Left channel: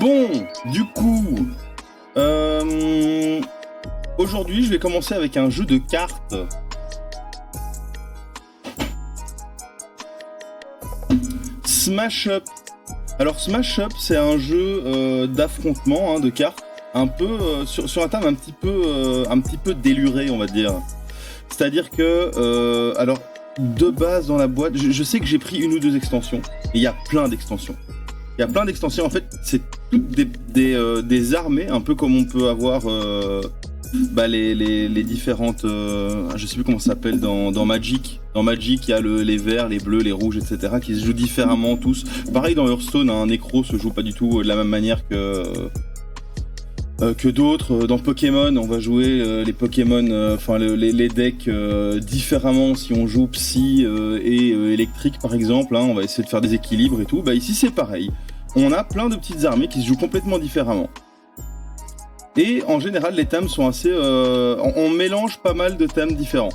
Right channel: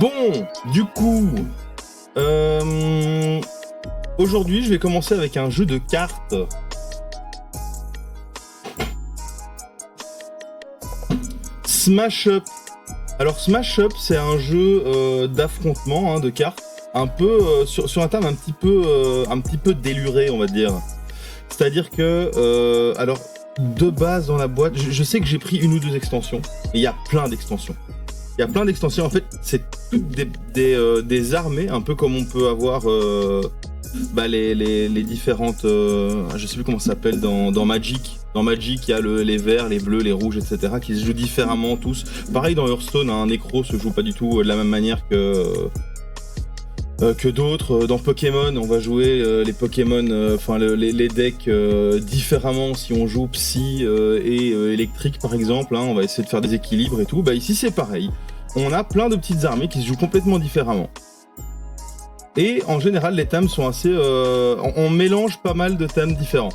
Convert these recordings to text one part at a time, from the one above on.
Bon, du coup, aujourd'hui, je vais commencer avec un jeu de cartes. Smash Up. Alors, Smash Up, c'est un jeu d'affrontement de cartes, un peu sur un thème un petit peu déluré, on va dire. C'est-à-dire que, alors, de base dans la boîte, je sais que j'ai pris une ou deux extensions, mais il y a plein d'extensions. Il y a plein d'extensions, en fait, c'est toutes des armées, un peu comme on peut avoir les différentes... je sais plus comment ça s'appelle dans Magic. Dans Magic, il y a les verts, les bleus, les rouges, etc. qui se jouent différemment tous. Pareil dans Hearthstone, un Necro se joue pas du tout de la même manière que d'autres. Dans Pokémon, on va jouer les Pokémon, les decks différemment si on joue Psy et électrique par exemple. On va essayer de faire des équilibres et tout. Bah ici c'est pareil. On a plein de petites armées qui se jouent complètement différemment. Et en général, les thèmes sont assez... on mélange pas mal de thèmes différents.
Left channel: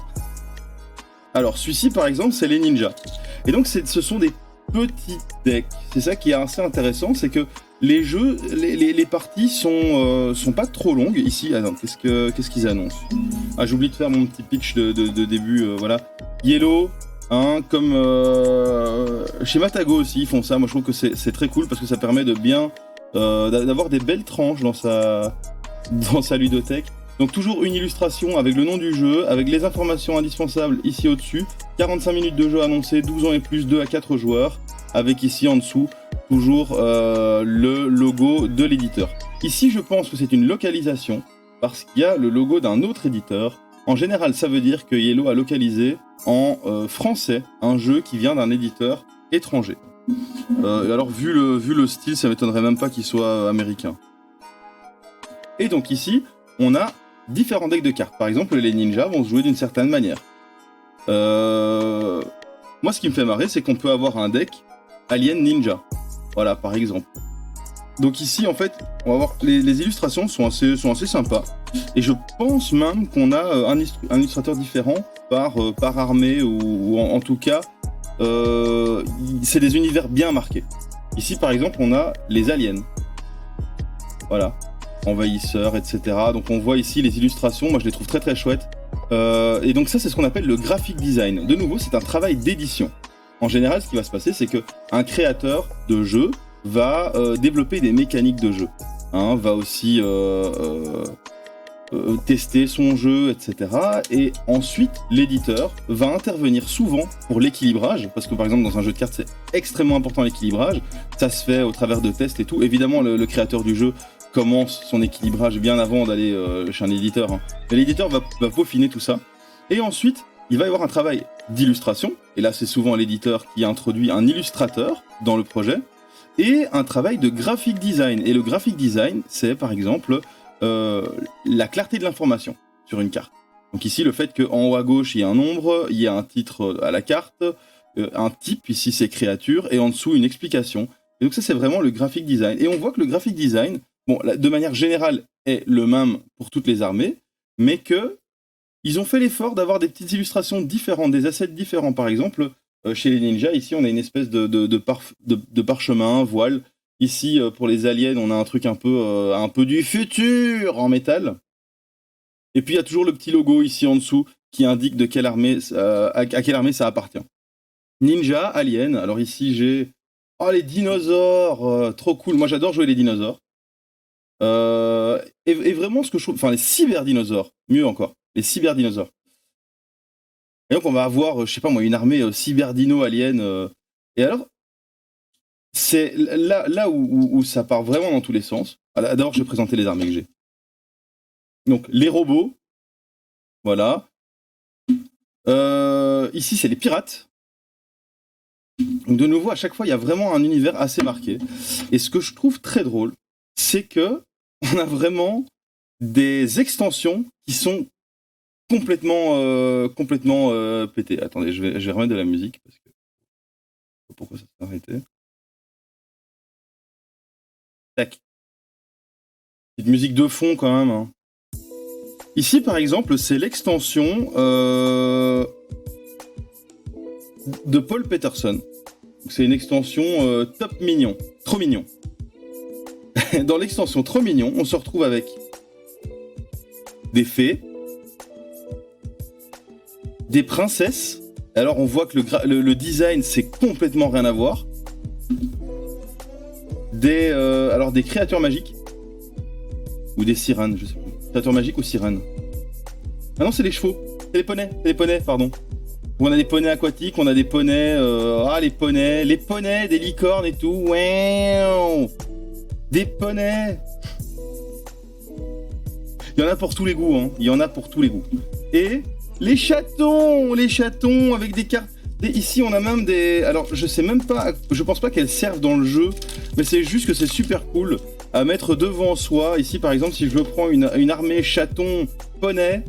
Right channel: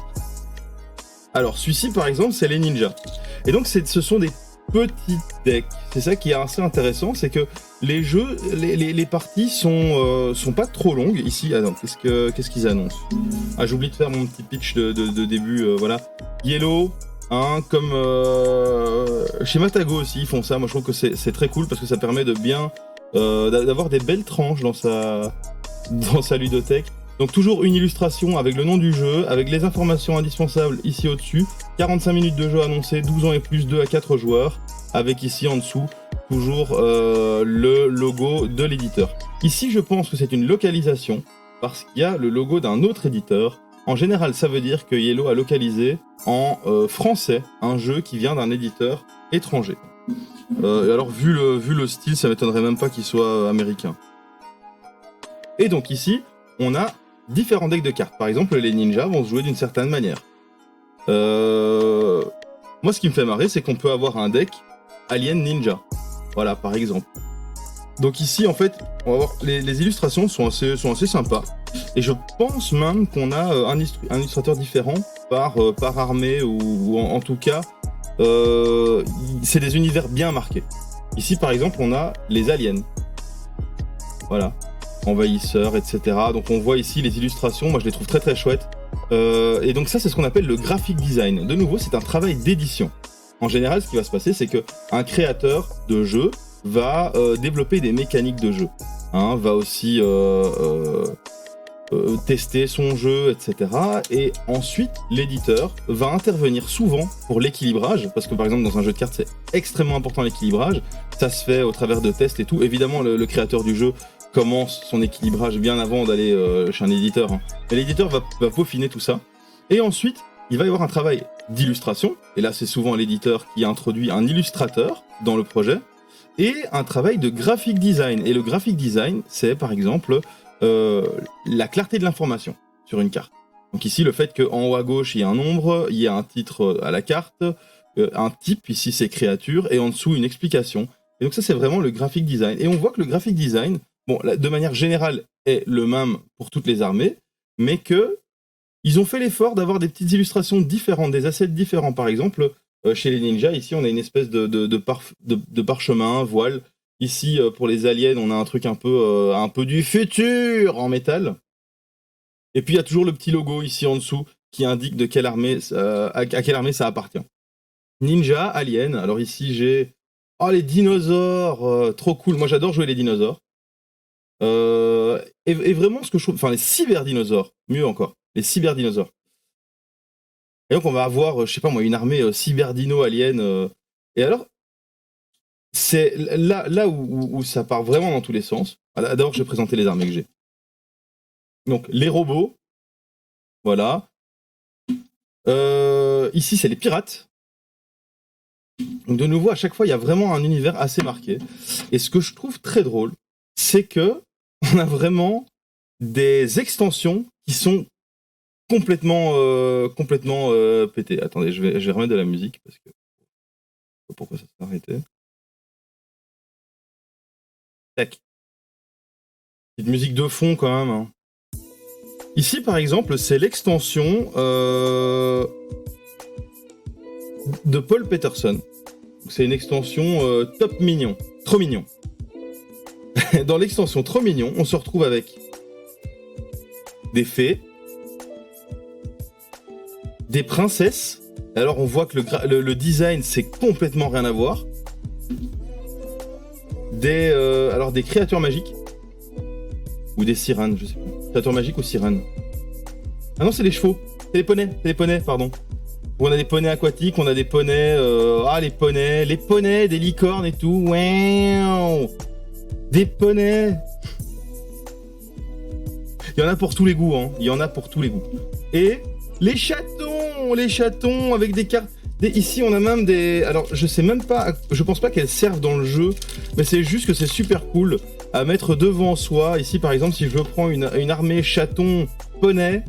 Alors celui-ci par exemple, c'est les ninjas. Et donc ce sont des petits decks. C'est ça qui est assez intéressant, c'est que les jeux, les parties sont pas trop longues. Ici, attends, qu'est-ce qu'ils annoncent? Ah, j'oublie de faire mon petit pitch de début, voilà. Yellow, comme chez Matago aussi, ils font ça. Moi, je trouve que c'est très cool parce que ça permet de bien d'avoir des belles tranches dans sa ludothèque. Donc toujours une illustration avec le nom du jeu, avec les informations indispensables ici au-dessus. 45 minutes de jeu annoncé, 12 ans et plus, 2 à 4 joueurs. Avec ici en dessous, toujours le logo de l'éditeur. Ici, je pense que c'est une localisation, parce qu'il y a le logo d'un autre éditeur. En général, ça veut dire que Yellow a localisé en français un jeu qui vient d'un éditeur étranger. Alors, vu le style, ça m'étonnerait même pas qu'il soit américain. Et donc ici, on a différents decks de cartes. Par exemple, les ninjas vont se jouer d'une certaine manière. Moi, ce qui me fait marrer, c'est qu'on peut avoir un deck Alien Ninja. Voilà, par exemple. Donc ici, en fait, on va voir les illustrations sont assez sympas. Et je pense même qu'on a un illustrateur différent par armée, ou en tout cas, c'est des univers bien marqués. Ici, par exemple, on a les aliens. Voilà. Envahisseurs, etc. Donc on voit ici les illustrations, moi je les trouve très très chouettes. Et donc ça, c'est ce qu'on appelle le graphic design. De nouveau, c'est un travail d'édition. En général, ce qui va se passer, c'est qu'un créateur de jeu va développer des mécaniques de jeu. Va aussi tester son jeu, etc. Et ensuite, l'éditeur va intervenir souvent pour l'équilibrage, parce que par exemple, dans un jeu de cartes, c'est extrêmement important l'équilibrage. Ça se fait au travers de tests et tout. Évidemment, le créateur du jeu commence son équilibrage bien avant d'aller chez un éditeur. Et l'éditeur va peaufiner tout ça. Et ensuite, il va y avoir un travail d'illustration. Et là, c'est souvent l'éditeur qui introduit un illustrateur dans le projet. Et un travail de graphic design. Et le graphic design, c'est par exemple la clarté de l'information sur une carte. Donc ici, le fait qu'en haut à gauche, il y a un nombre, il y a un titre à la carte, un type, ici c'est créature, et en dessous, une explication. Et donc ça, c'est vraiment le graphic design. Et on voit que le graphic design, bon, de manière générale, est le même pour toutes les armées, mais qu'ils ont fait l'effort d'avoir des petites illustrations différentes, des assets différents. Par exemple, chez les ninjas, ici, on a une espèce de parchemin, voile. Ici, pour les aliens, on a un truc un peu du futur en métal. Et puis, il y a toujours le petit logo ici en dessous qui indique de quelle armée, à quelle armée ça appartient. Ninja, alien. Alors ici, j'ai... Oh, les dinosaures, trop cool. Moi, j'adore jouer les dinosaures. Et vraiment, ce que je trouve... Enfin, les cyberdinosaures, mieux encore. Les cyberdinosaures. Et donc, on va avoir, je sais pas moi, une armée cyberdino alien. Et alors, c'est là où ça part vraiment dans tous les sens. D'abord, je vais présenter les armées que j'ai. Donc, les robots. Voilà. Ici, c'est les pirates. Donc, de nouveau, à chaque fois, il y a vraiment un univers assez marqué. Et ce que je trouve très drôle, c'est que on a vraiment des extensions qui sont complètement pétées. Attendez, je vais remettre de la musique parce que pourquoi ça s'est arrêté. Tac. Petite musique de fond quand même. Ici, par exemple, c'est l'extension de Paul Peterson. C'est une extension top mignon, trop mignon. Dans l'extension trop mignon, on se retrouve avec des fées, des princesses. Alors on voit que le design c'est complètement rien à voir. Alors des créatures magiques ou des sirènes, je sais plus. Créatures magiques ou sirènes. Ah non, c'est les chevaux, c'est les poneys, pardon. On a des poneys aquatiques, on a des poneys, les poneys, des licornes et tout. Wow, des poneys. Il y en a pour tous les goûts, hein. Il y en a pour tous les goûts. Et les chatons avec des cartes. Ici, on a même des. Alors, je sais même pas. Je pense pas qu'elles servent dans le jeu, mais c'est juste que c'est super cool à mettre devant soi. Ici, par exemple, si je prends une armée chaton poney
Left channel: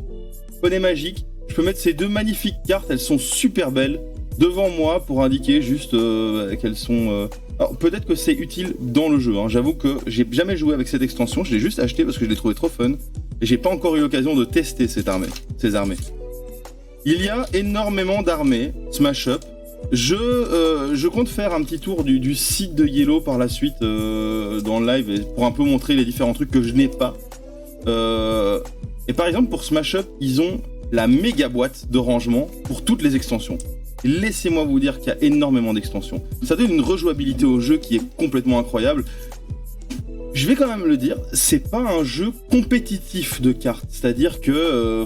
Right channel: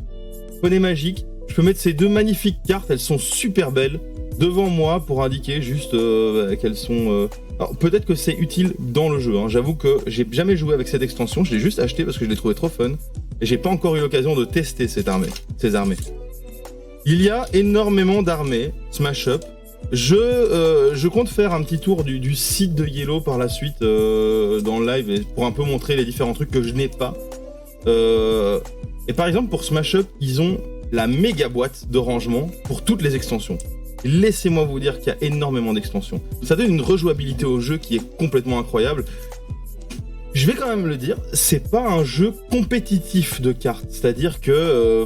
magique, je peux mettre ces deux magnifiques cartes. Elles sont super belles devant moi pour indiquer juste qu'elles sont. Alors, peut-être que c'est utile dans le jeu. Hein. J'avoue que j'ai jamais joué avec cette extension. Je l'ai juste acheté parce que je l'ai trouvé trop fun. Et j'ai pas encore eu l'occasion de tester ces armées. Il y a énormément d'armées, Smash Up. Je compte faire un petit tour du site de Yellow par la suite dans le live pour un peu montrer les différents trucs que je n'ai pas. Et par exemple, pour Smash Up, ils ont la méga boîte de rangement pour toutes les extensions. Laissez-moi vous dire qu'il y a énormément d'extensions. Ça donne une rejouabilité au jeu qui est complètement incroyable. Je vais quand même le dire, c'est pas un jeu compétitif de cartes. C'est-à-dire que,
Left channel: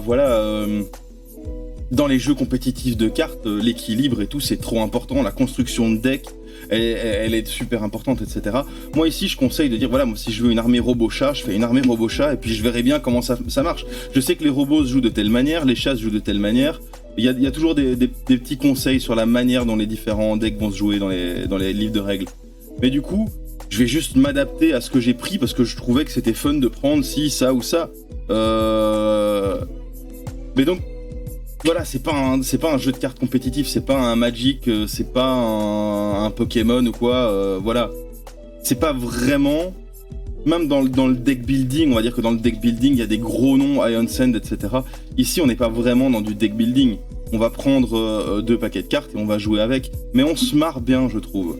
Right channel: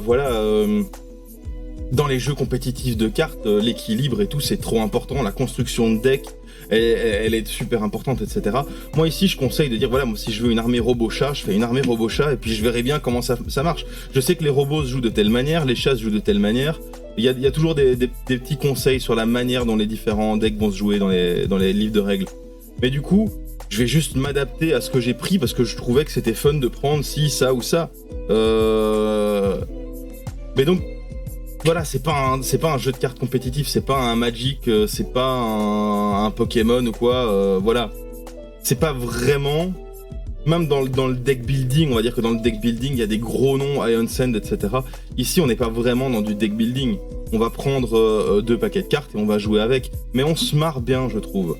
dans les jeux compétitifs de cartes, l'équilibre et tout, c'est trop important. La construction de deck, elle est super importante, etc. Moi, ici, je conseille de dire, voilà, moi, si je veux une armée robot-chat, je fais une armée robot-chat et puis je verrai bien comment ça marche. Je sais que les robots se jouent de telle manière, les chats se jouent de telle manière. Il y a toujours des petits conseils sur la manière dont les différents decks vont se jouer dans les livres de règles. Mais du coup, je vais juste m'adapter à ce que j'ai pris parce que je trouvais que c'était fun de prendre ci, ça ou ça. Mais donc, voilà, c'est pas un jeu de cartes compétitif, c'est pas un Magic, c'est pas un Pokémon ou quoi, voilà. C'est pas vraiment... Même dans le deck building, on va dire que dans le deck building, il y a des gros noms, Ion Sand, etc. Ici, on n'est pas vraiment dans du deck building. On va prendre 2 paquets de cartes et on va jouer avec. Mais on se marre bien, je trouve.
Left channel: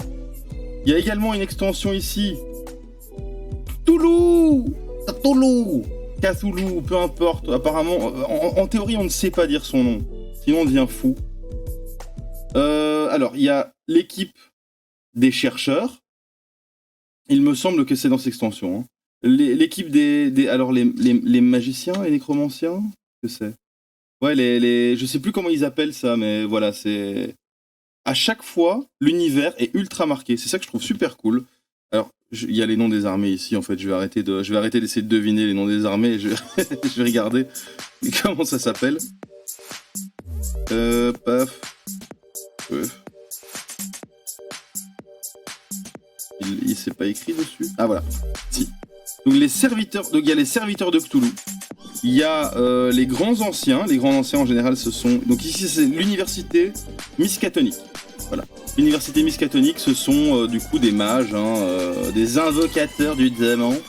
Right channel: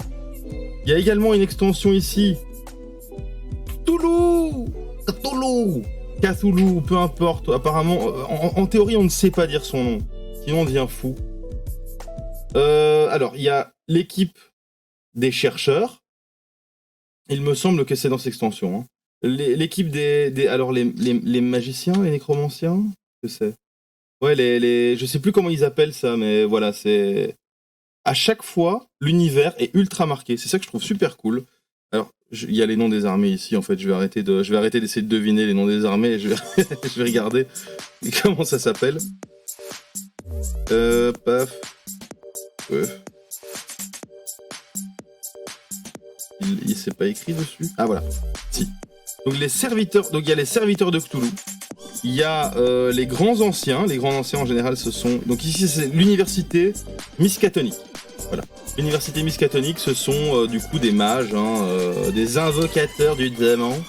Il y a également une extension ici. Cthulhu, peu importe. Apparemment, en théorie, on ne sait pas dire son nom. Sinon, on devient fou. Alors, il y a l'équipe des chercheurs. Il me semble que c'est dans cette extension. Hein. L'équipe alors, les magiciens, les nécromanciens, que c'est. Ouais, je sais plus comment ils appellent ça, mais voilà, c'est... À chaque fois, l'univers est ultra marqué. C'est ça que je trouve super cool. Alors, il y a les noms des armées ici, en fait. Je vais arrêter d'essayer de deviner les noms des armées et je vais regarder comment ça s'appelle. Paf. Il s'est pas écrit dessus. Ah, voilà. Si. Donc, il y a les serviteurs de Cthulhu. Il y a les grands anciens. Les grands anciens, en général, ce sont... Donc, ici, c'est l'université Miskatonic. Voilà. L'université Miskatonic, ce sont du coup des mages, des invocateurs du démon.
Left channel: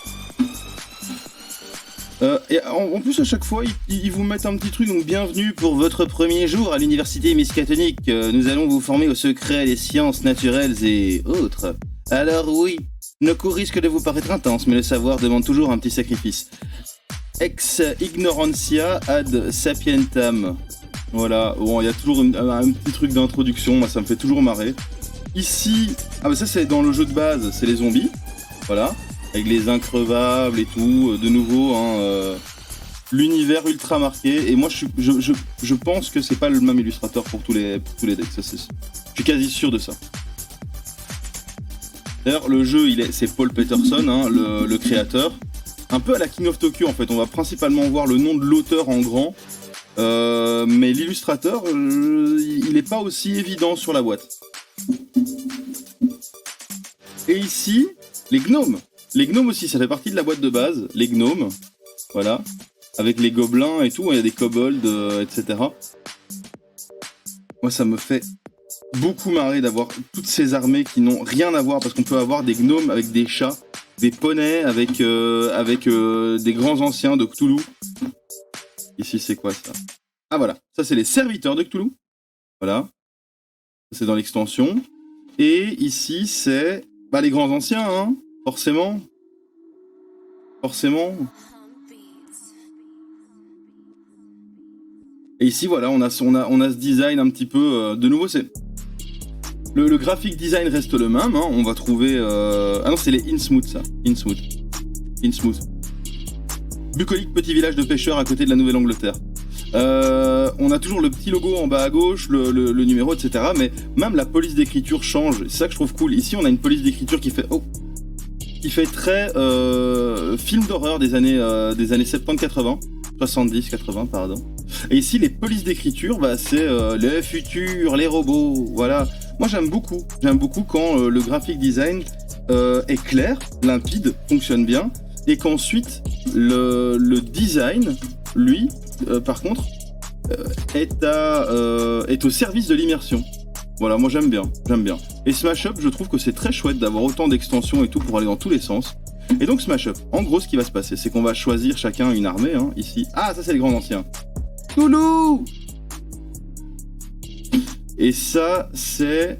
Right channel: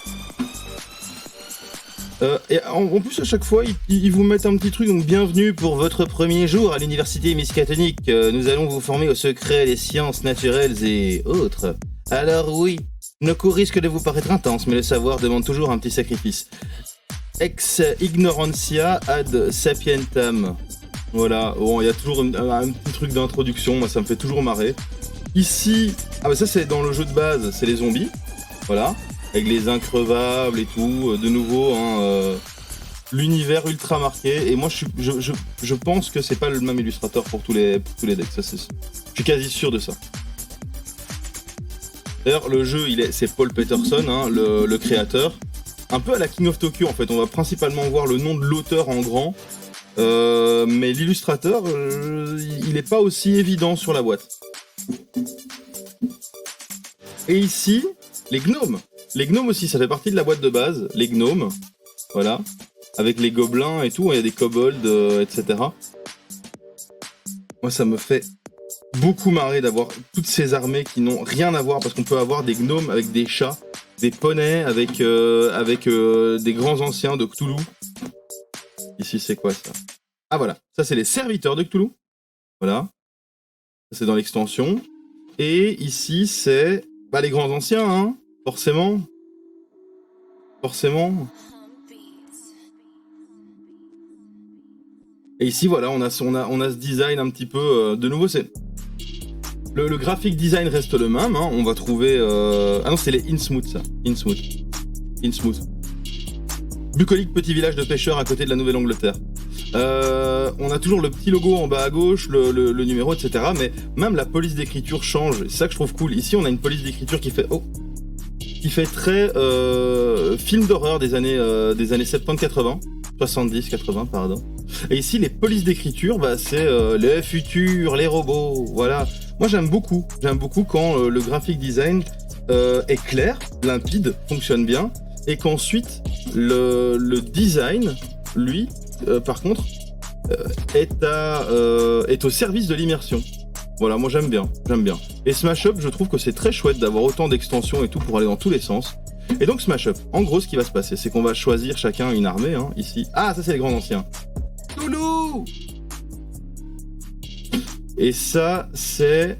Et en plus, à chaque fois, ils vous mettent un petit truc. Donc, bienvenue pour votre premier jour à l'université Miskatonic. Nous allons vous former au secret des sciences naturelles et autres. Alors oui, nos cours risquent de vous paraître intenses, mais le savoir demande toujours un petit sacrifice. Ex ignorantia ad sapientam. Voilà, bon, il y a toujours un petit truc d'introduction, moi ça me fait toujours marrer. Ici, ça c'est dans le jeu de base, c'est les zombies, voilà, avec les increvables et tout, de nouveau, l'univers ultra marqué, et moi je pense que c'est pas le même illustrateur pour tous les decks, je suis quasi sûr de ça. D'ailleurs, le jeu, c'est Paul Peterson, le créateur, un peu à la King of Tokyo en fait, on va principalement voir le nom de l'auteur en grand. Mais l'illustrateur, il n'est pas aussi évident sur la boîte. Et ici, les gnomes. Les gnomes aussi, ça fait partie de la boîte de base. Les gnomes, voilà. Avec les gobelins et tout, il y a des kobolds, etc. Moi, ça me fait beaucoup marrer d'avoir toutes ces armées qui n'ont rien à voir, parce qu'on peut avoir des gnomes avec des chats, des poneys avec des grands anciens de Cthulhu. Ici, c'est quoi ça? Ah voilà, ça c'est les serviteurs de Cthulhu. Voilà. Ça, c'est dans l'extension. Et ici, c'est les grands anciens, forcément. forcément. Et ici, voilà, on a ce design un petit peu... de nouveau, c'est... Le graphic design reste le même, hein. On va trouver... Ah non, c'est les Innsmouth, ça. Innsmouth. Bucolique, petit village de pêcheurs à côté de la Nouvelle-Angleterre. On a toujours le petit logo en bas à gauche, le numéro, etc. Mais même la police d'écriture change. C'est ça que je trouve cool. Ici, on a une police d'écriture qui fait... qui fait très film d'horreur des années 70-80. 70-80, pardon. Et ici, les polices d'écriture, bah, c'est le futur, les robots, voilà. Moi, j'aime beaucoup quand le graphic design est clair, limpide, fonctionne bien, et qu'ensuite, le design, lui, par contre, est au service de l'immersion. Voilà, moi j'aime bien. Et Smash Up, je trouve que c'est très chouette d'avoir autant d'extensions et tout pour aller dans tous les sens. Et donc Smash Up, en gros ce qui va se passer, c'est qu'on va choisir chacun une armée, hein, ici. Ah, ça c'est les grands anciens. Toulouse. Et ça c'est...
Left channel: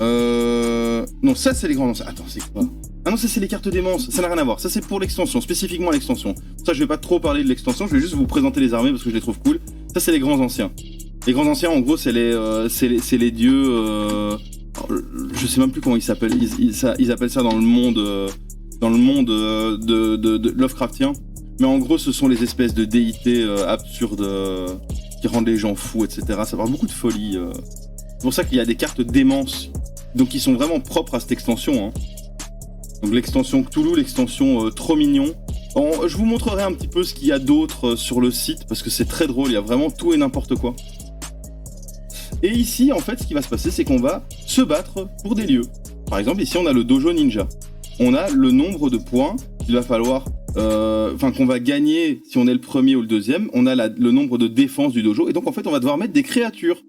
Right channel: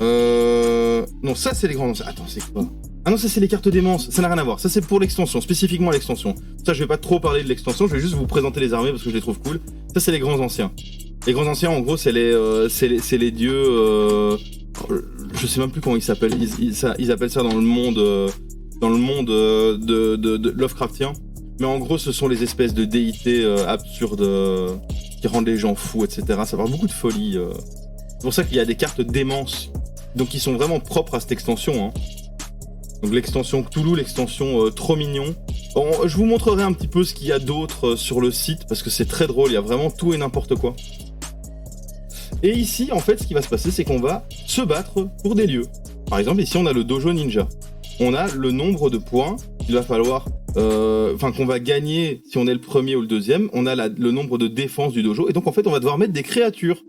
Non, ça c'est les grands anciens. Attends, c'est quoi? Ah non, ça c'est les cartes démence, ça n'a rien à voir. Ça c'est pour l'extension, spécifiquement l'extension. Ça je vais pas trop parler de l'extension, je vais juste vous présenter les armées parce que je les trouve cool. Ça c'est les grands anciens. Les grands anciens, en gros, c'est les dieux... je sais même plus comment ils s'appellent. Ils appellent ça dans le monde de Lovecraftien. Mais en gros, ce sont les espèces de déités absurdes qui rendent les gens fous, etc. Ça parle beaucoup de folie. C'est pour ça qu'il y a des cartes démence, donc qui sont vraiment propres à cette extension. Hein. Donc l'extension Cthulhu, l'extension Trop Mignon. Bon, je vous montrerai un petit peu ce qu'il y a d'autre sur le site, parce que c'est très drôle, il y a vraiment tout et n'importe quoi. Et ici, en fait, ce qui va se passer, c'est qu'on va se battre pour des lieux. Par exemple, ici, on a le dojo ninja. On a le nombre de points qu'il va falloir... qu'on va gagner si on est le premier ou le deuxième. On a le nombre de défense du dojo. Et donc, en fait, on va devoir mettre des créatures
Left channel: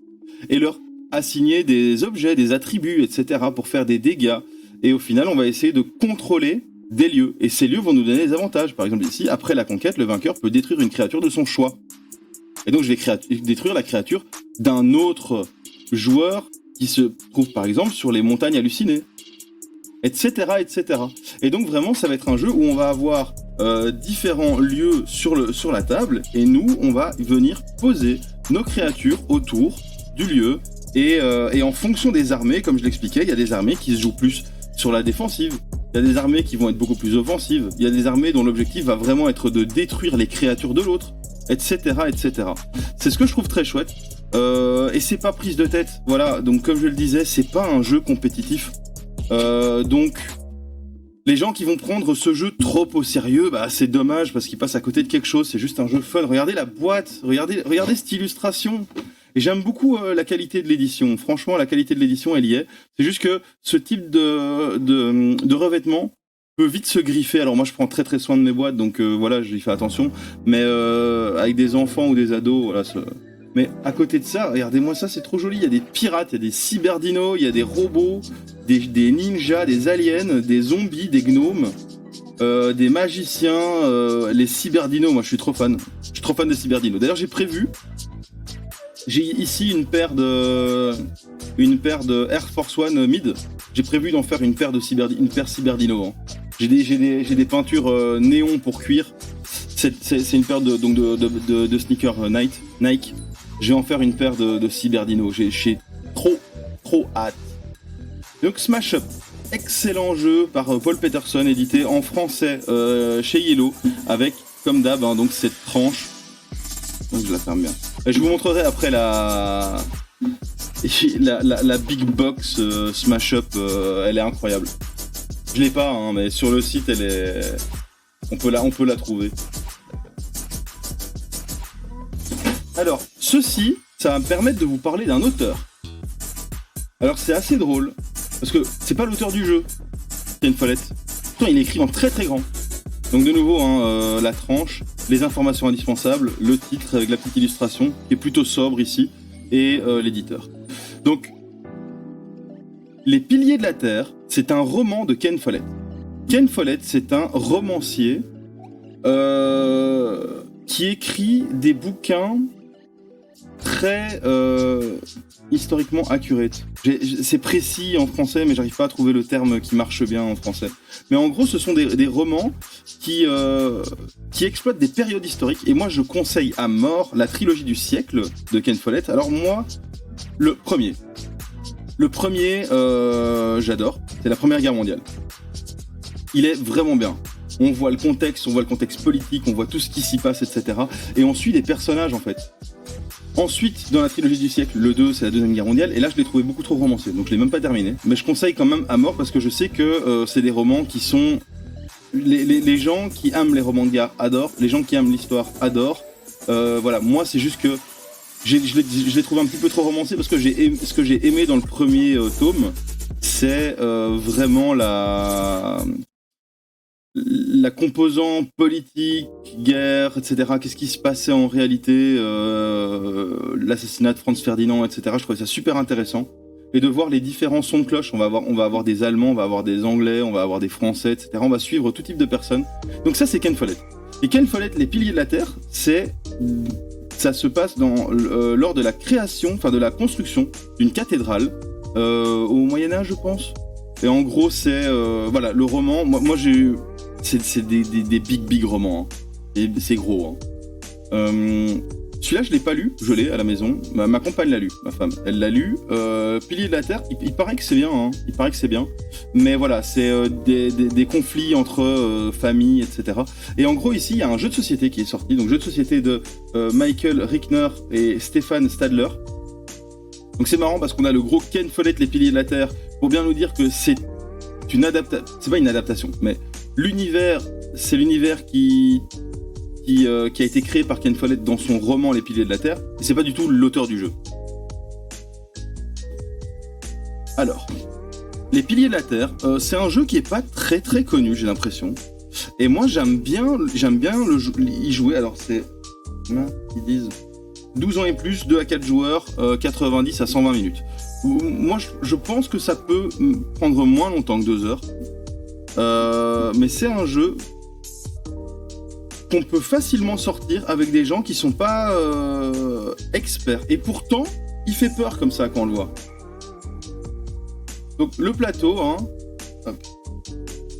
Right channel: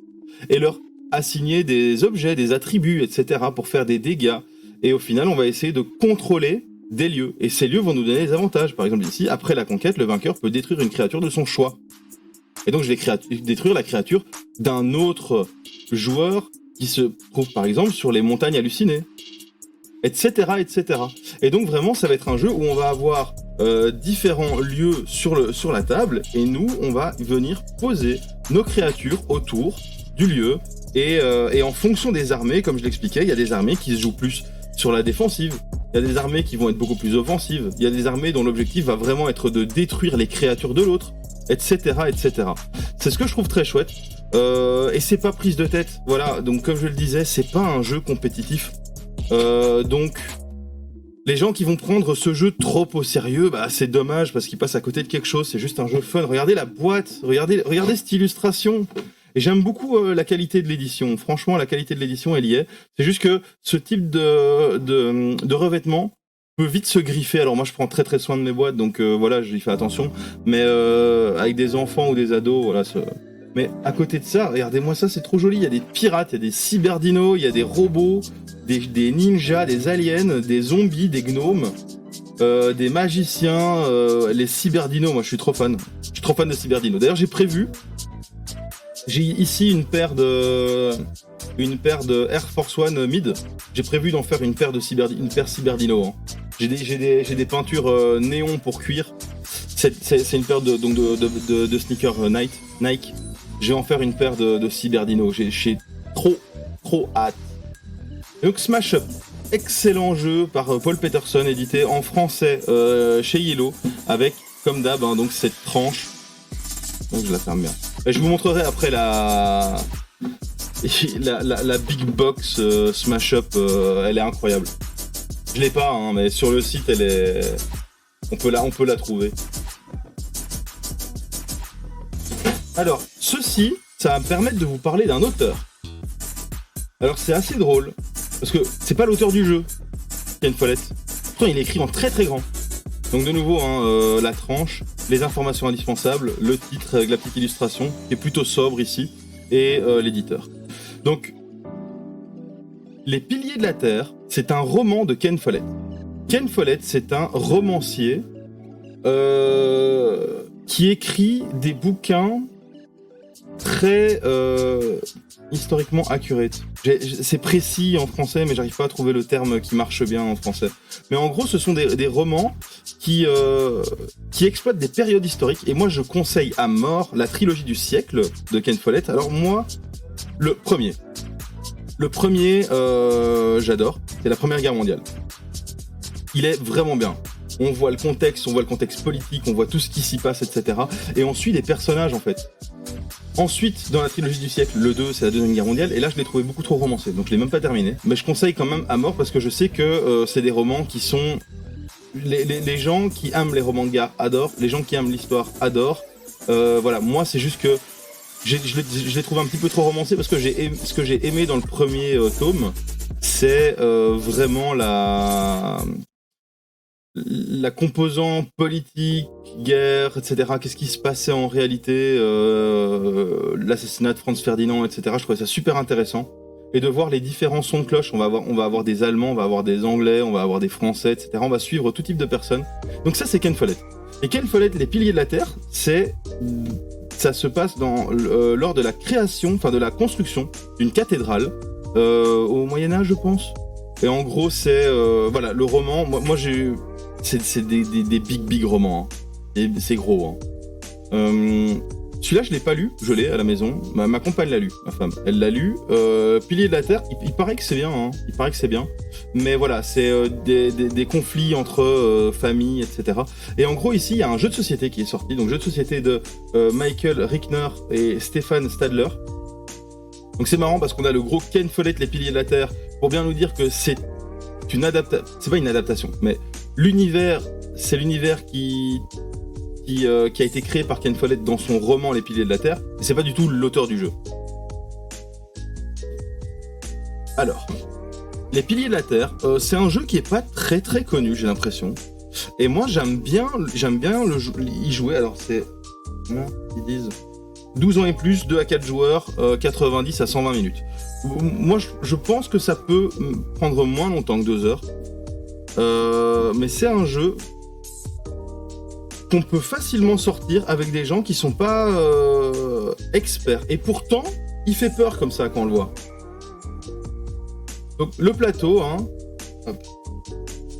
et leur assigner des objets, des attributs, etc. pour faire des dégâts. Et au final, on va essayer de contrôler des lieux. Et ces lieux vont nous donner des avantages. Par exemple, ici, après la conquête, le vainqueur peut détruire une créature de son choix. Et donc, je vais détruire la créature d'un autre joueur qui se trouve, par exemple, sur les montagnes hallucinées. Etc., etc. Et donc, vraiment, ça va être un jeu où on va avoir différents lieux sur la table. Et nous, on va venir poser nos créatures autour du lieu. Et en fonction des armées, comme je l'expliquais, il y a des armées qui se jouent plus sur la défensive. Il y a des armées qui vont être beaucoup plus offensives. Il y a des armées dont l'objectif va vraiment être de détruire les créatures de l'autre. Etc., etc. C'est ce que je trouve très chouette. Et c'est pas prise de tête. Voilà, donc comme je le disais, c'est pas un jeu compétitif. Donc, les gens qui vont prendre ce jeu trop au sérieux, bah, c'est dommage parce qu'ils passent à côté de quelque chose. C'est juste un jeu fun. Regardez la boîte, regardez cette illustration. Et j'aime beaucoup la qualité de l'édition. Franchement, la qualité de l'édition, elle y est. C'est juste que ce type de revêtement peut vite se griffer. Alors moi je prends très très soin de mes boîtes, donc voilà, j'y fais attention. Mais avec des enfants ou des ados, voilà. Mais à côté de ça, regardez-moi ça, c'est trop joli. Il y a des pirates, il y a des cyberdinos, il y a des robots, des ninjas, des aliens, des zombies, des gnomes, des magiciens, les cyberdinos. Moi je suis trop fan. Je suis trop fan des cyberdinos. D'ailleurs j'ai ici une paire de Air Force One mid. J'ai prévu d'en faire une paire cyberdino. Hein. J'ai des peintures néon pour cuir. C'est une paire de sneakers Nike. Je vais en faire une paire de cyberdino. J'ai trop hâte. Donc Smash Up, excellent jeu par Paul Peterson, édité en français chez Yellow, avec comme d'hab hein, donc cette tranche. Donc je la ferme bien. Et je vous montrerai après la big box Smash Up, elle est incroyable. Je l'ai pas, hein, mais sur le site, elle est. On peut la trouver. Alors, ceci, ça va me permettre de vous parler d'un auteur. Alors, c'est assez drôle, parce que c'est pas l'auteur du jeu, Ken Follett. Pourtant, il est écrit en très très grand. Donc, de nouveau, hein, la tranche, les informations indispensables, le titre avec la petite illustration, qui est plutôt sobre ici, et l'éditeur. Donc, Les Piliers de la Terre, c'est un roman de Ken Follett. Ken Follett, c'est un romancier qui écrit des bouquins très historiquement accurate. C'est précis en français, mais j'arrive pas à trouver le terme qui marche bien en français. Mais en gros, ce sont des romans qui exploitent des périodes historiques. Et moi, je conseille à mort la trilogie du siècle de Ken Follett. Alors moi, le premier, j'adore. C'est la Première Guerre mondiale. Il est vraiment bien. On voit le contexte politique, on voit tout ce qui s'y passe, etc. Et on suit des personnages, en fait. Ensuite, dans la trilogie du siècle, le 2, c'est la Deuxième Guerre mondiale, et là, je l'ai trouvé beaucoup trop romancé, donc je l'ai même pas terminé. Mais je conseille quand même à mort, parce que je sais que c'est des romans qui sont... Les gens qui aiment les romans de guerre adorent, les gens qui aiment l'histoire adorent. Voilà, moi, c'est juste que je l'ai trouvé un petit peu trop romancé, parce que ce que j'ai aimé dans le premier tome, c'est vraiment la composante politique, guerre, etc. Qu'est-ce qui se passait en réalité, l'assassinat de Franz Ferdinand, etc. Je trouvais ça super intéressant. Et de voir les différents sons de cloche. On va avoir des Allemands, on va avoir des Anglais, on va avoir des Français, etc. On va suivre tout type de personnes. Donc ça, c'est Ken Follett. Et Ken Follett, Les Piliers de la Terre, ça se passe lors de la création, enfin de la construction d'une cathédrale au Moyen-Âge, je pense. Et en gros, c'est voilà, le roman. Moi j'ai eu. C'est des big romans. Hein. Et c'est gros. Hein. Celui-là, je l'ai pas lu. Je l'ai à la maison. Ma compagne l'a lu, ma femme. Elle l'a lu. Piliers de la Terre, il paraît que c'est bien. Hein. Il paraît que c'est bien. Mais voilà, c'est des conflits entre familles, etc. Et en gros, ici, il y a un jeu de société qui est sorti. Donc, jeu de société de Michael Rickner et Stéphane Stadler. Donc, c'est marrant parce qu'on a le gros Ken Follett, Les Piliers de la Terre, pour bien nous dire que c'est une adaptation. C'est pas une adaptation, mais l'univers, c'est l'univers qui a été créé par Ken Follett dans son roman Les Piliers de la Terre. Et c'est pas du tout l'auteur du jeu. Alors, Les Piliers de la Terre, c'est un jeu qui est pas très très connu, j'ai l'impression. Et moi, j'aime bien y jouer. Alors, c'est... Non, ils disent 12 ans et plus, 2 à 4 joueurs, 90 à 120 minutes. Moi, je pense que ça peut prendre moins longtemps que 2 heures. Mais c'est un jeu qu'on peut facilement sortir avec des gens qui sont pas experts. Et pourtant, il fait peur comme ça quand on le voit. Donc le plateau, hein,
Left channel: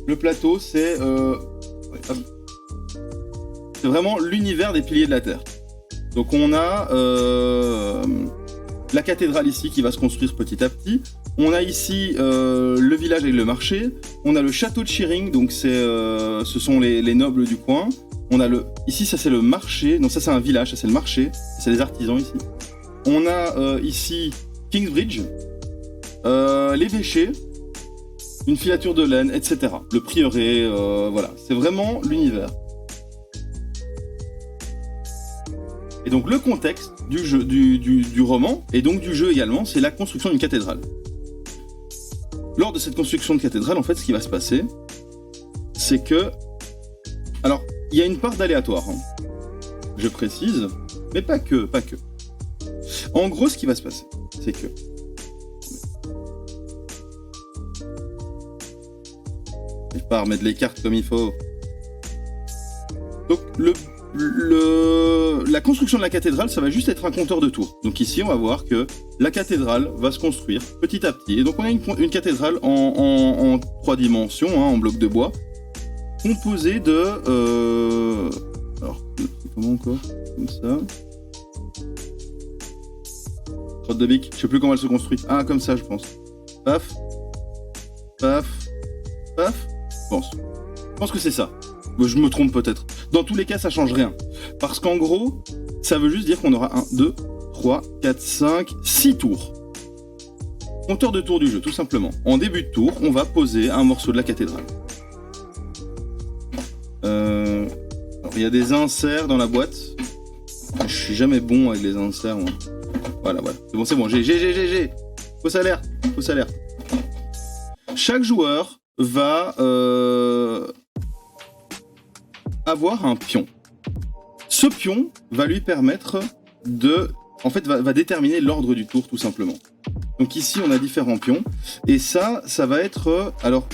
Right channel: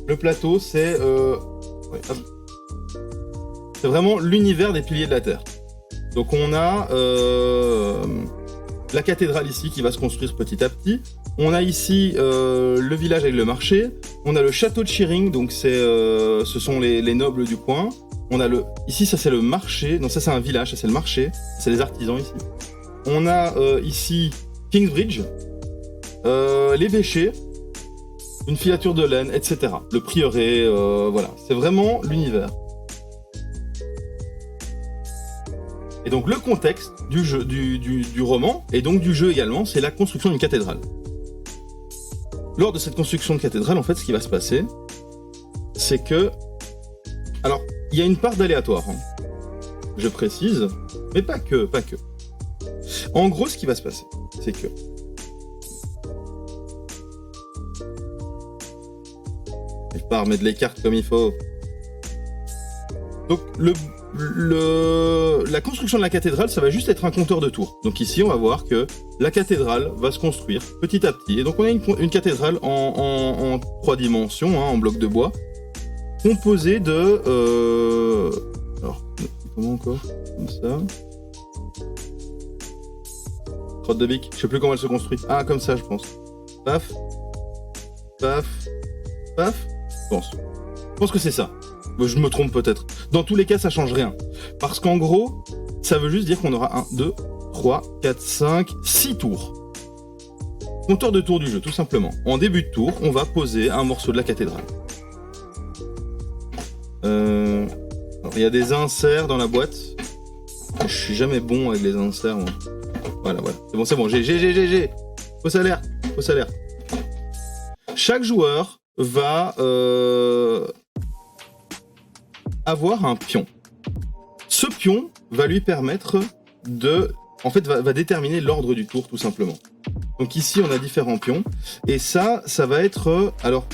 le plateau, c'est vraiment l'univers des Piliers de la Terre. Donc on a la cathédrale ici qui va se construire petit à petit. On a ici le village avec le marché. On a le château de Shearing, donc ce sont les nobles du coin. On a ici, ça c'est le marché. Non, ça c'est un village, ça c'est le marché. C'est les artisans ici. On a ici Kingsbridge, l'évêché, une filature de laine, etc. Le prieuré, voilà. C'est vraiment l'univers. Et donc le contexte du jeu, du roman, et donc du jeu également, c'est la construction d'une cathédrale. Lors de cette construction de cathédrale, en fait, ce qui va se passer, c'est que... Alors, il y a une part d'aléatoire, hein, je précise, mais pas que. En gros, ce qui va se passer, c'est que... Je pars mettre les cartes comme il faut. Donc, la construction de la cathédrale, ça va juste être un compteur de tours. Donc ici, on va voir que la cathédrale va se construire petit à petit. Et donc, on a une cathédrale en 3 dimensions, hein, en bloc de bois, composée de... Alors, comment encore? Comme ça. Crotte de bique. Je sais plus comment elle se construit. Ah, comme ça, je pense. Paf. Paf. Paf. Je pense que c'est ça. Je me trompe peut-être. Dans tous les cas, ça change rien. Parce qu'en gros, ça veut juste dire qu'on aura 1, 2, 3, 4, 5, 6 tours. Compteur de tours du jeu, tout simplement. En début de tour, on va poser un morceau de la cathédrale. Alors, il y a des inserts dans la boîte. Je suis jamais bon avec les inserts, moi. Voilà. C'est bon. J'ai. Fausse alerte. Chaque joueur va... avoir un pion. Ce pion va lui permettre va déterminer l'ordre du tour tout simplement. Donc ici on a différents pions et ça va être alors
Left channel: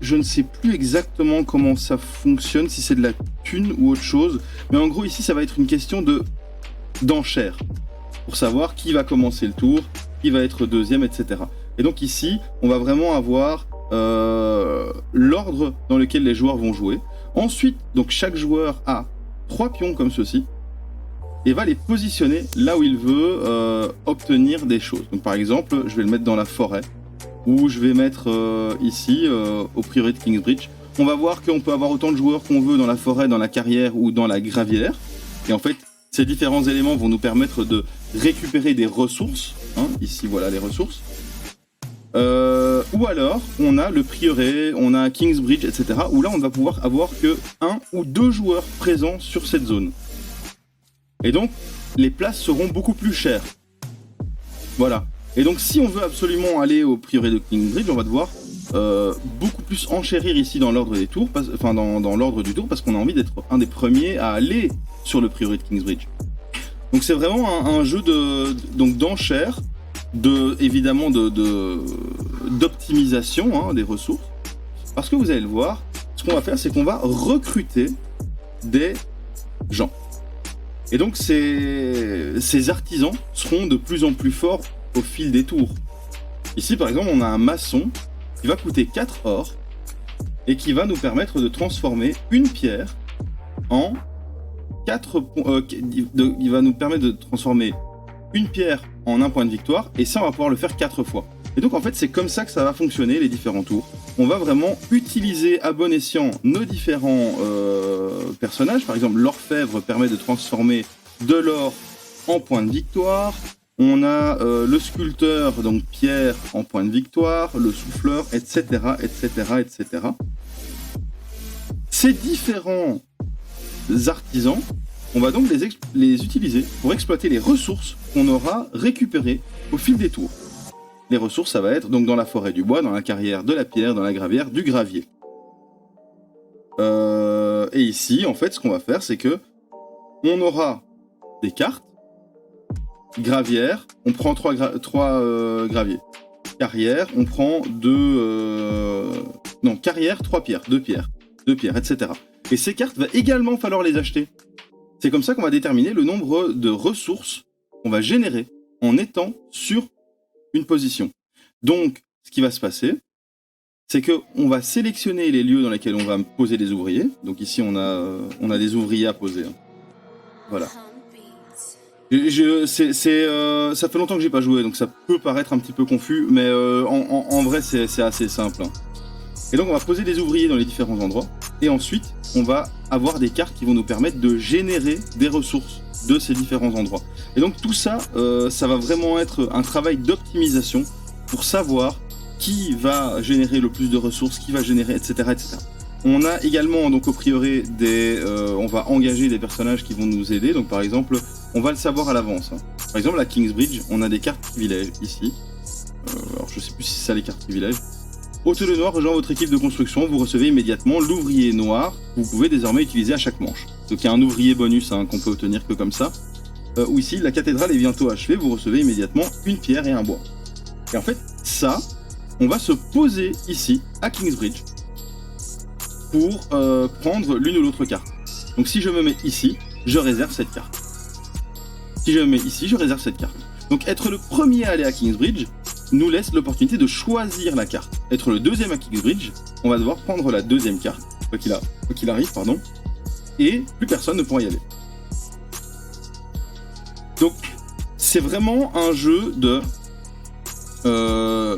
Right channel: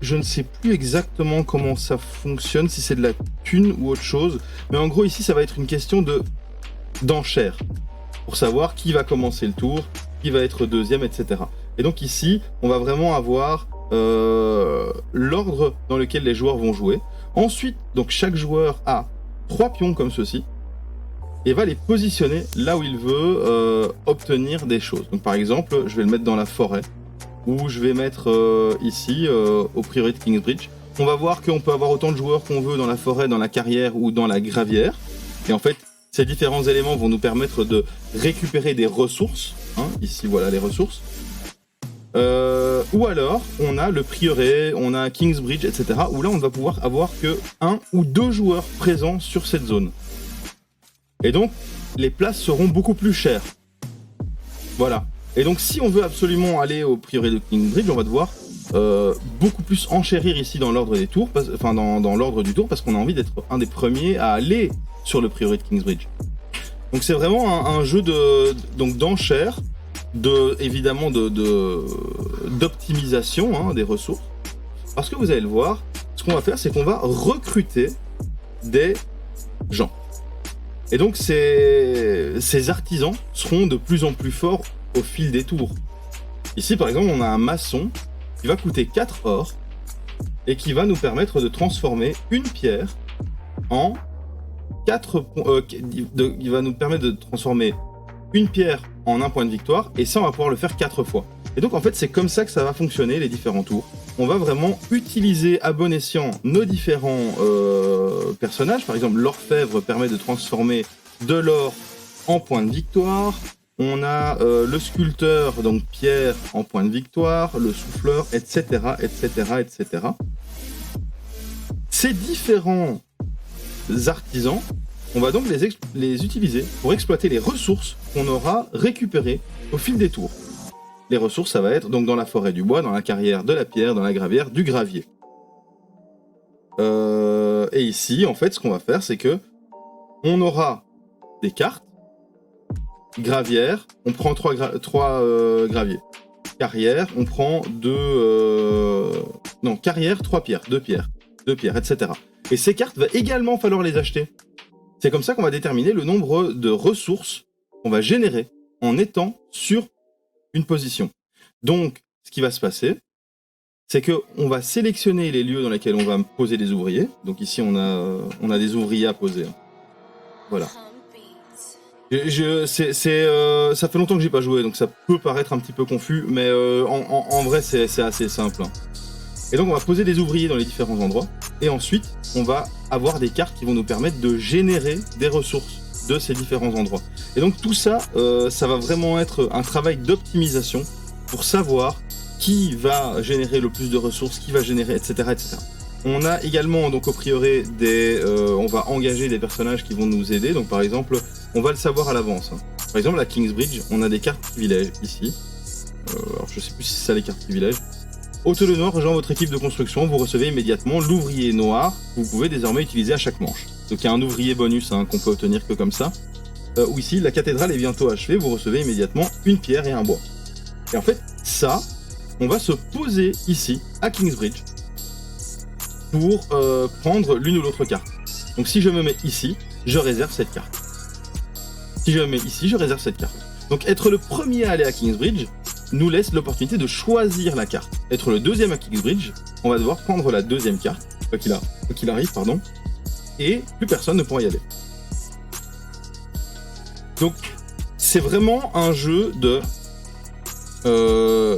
je ne sais plus exactement comment ça fonctionne, si c'est de la thune ou autre chose, mais en gros ici ça va être une question d'enchère. pour savoir qui va commencer le tour, qui va être deuxième, etc. Et donc ici, on va vraiment avoir l'ordre dans lequel les joueurs vont jouer. Ensuite, donc chaque joueur a 3 pions comme ceci et va les positionner là où il veut obtenir des choses. Donc par exemple, je vais le mettre dans la forêt ou je vais mettre ici au prieuré de Kingsbridge. On va voir qu'on peut avoir autant de joueurs qu'on veut dans la forêt, dans la carrière ou dans la gravière. Et en fait, ces différents éléments vont nous permettre de récupérer des ressources. Hein, ici, voilà les ressources. Ou alors, on a le prieuré, on a Kingsbridge, etc. Où là, on ne va pouvoir avoir que 1 ou 2 joueurs présents sur cette zone. Et donc, les places seront beaucoup plus chères. Voilà. Et donc, si on veut absolument aller au prieuré de Kingsbridge, on va devoir beaucoup plus enchérir ici dans l'ordre des tours, dans l'ordre du tour, parce qu'on a envie d'être un des premiers à aller sur le prieuré de Kingsbridge. Donc, c'est vraiment un jeu d'enchères, évidemment d'optimisation des ressources, parce que vous allez le voir, ce qu'on va faire, c'est qu'on va recruter des gens. Et donc ces artisans seront de plus en plus forts au fil des tours. Ici par exemple, on a un maçon qui va coûter 4 or et qui va nous permettre de transformer une pierre en 4 il va nous permettre de transformer une pierre en un point de victoire, et ça on va pouvoir le faire 4 fois. Et donc en fait c'est comme ça que ça va fonctionner les différents tours. On va vraiment utiliser à bon escient nos différents personnages. Par exemple, l'orfèvre permet de transformer de l'or en point de victoire. On a le sculpteur, donc pierre en point de victoire, le souffleur, etc., etc., etc. Ces différents artisans, on va donc les utiliser pour exploiter les ressources qu'on aura récupérées au fil des tours. Les ressources, ça va être donc dans la forêt du bois, dans la carrière de la pierre, dans la gravière du gravier. Et ici, en fait, ce qu'on va faire, c'est que on aura des cartes. Gravière, on prend 3 graviers. Carrière, on prend 2... non, carrière, 3 pierres, 2 pierres, etc. Et ces cartes, va également falloir les acheter. C'est comme ça qu'on va déterminer le nombre de ressources qu'on va générer en étant sur une position. Donc, ce qui va se passer, c'est qu'on va sélectionner les lieux dans lesquels on va poser des ouvriers. Donc ici, on a des ouvriers à poser. Voilà. Ça fait longtemps que j'ai pas joué, donc ça peut paraître un petit peu confus, mais en vrai, c'est assez simple. Et donc, on va poser des ouvriers dans les différents endroits, et ensuite, on va avoir des cartes qui vont nous permettre de générer des ressources de ces différents endroits. Et donc, tout ça, ça va vraiment être un travail d'optimisation pour savoir qui va générer le plus de ressources, qui va générer, etc., etc. On a également, donc, au prieuré, on va engager des personnages qui vont nous aider. Donc, par exemple, on va le savoir à l'avance. Par exemple, à Kingsbridge, on a des cartes privilèges ici. Alors, je sais plus si c'est ça les cartes privilèges. Hôtel noir rejoint votre équipe de construction. Vous recevez immédiatement l'ouvrier noir que vous pouvez désormais utiliser à chaque manche. Donc, il y a un ouvrier bonus qu'on peut obtenir que comme ça. Ou ici, la cathédrale est bientôt achevée. Vous recevez immédiatement une pierre et un bois. Et en fait, ça, on va se poser ici, à Kingsbridge, pour prendre l'une ou l'autre carte. Donc si je me mets ici, je réserve cette carte. Si je me mets ici, je réserve cette carte. Donc être le premier à aller à Kingsbridge nous laisse l'opportunité de choisir la carte. Être le deuxième à Kingsbridge, on va devoir prendre la deuxième carte, quoi qu'il arrive, et plus personne ne pourra y aller. Donc c'est vraiment un jeu de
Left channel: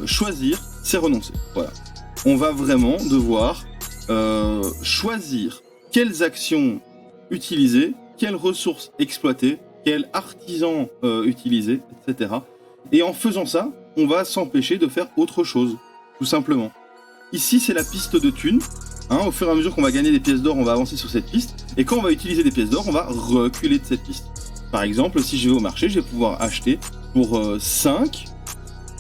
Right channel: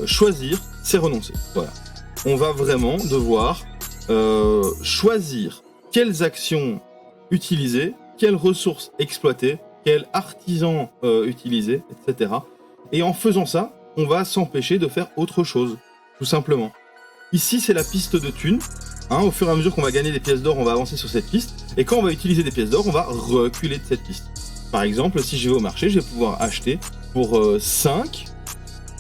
choisir, c'est renoncer. Voilà. On va vraiment devoir choisir quelles actions utiliser, quelles ressources exploiter, quels artisans utiliser, etc. Et en faisant ça, on va s'empêcher de faire autre chose, tout simplement. Ici, c'est la piste de thunes. Au fur et à mesure qu'on va gagner des pièces d'or, on va avancer sur cette piste. Et quand on va utiliser des pièces d'or, on va reculer de cette piste. Par exemple, si je vais au marché, je vais pouvoir acheter pour 5.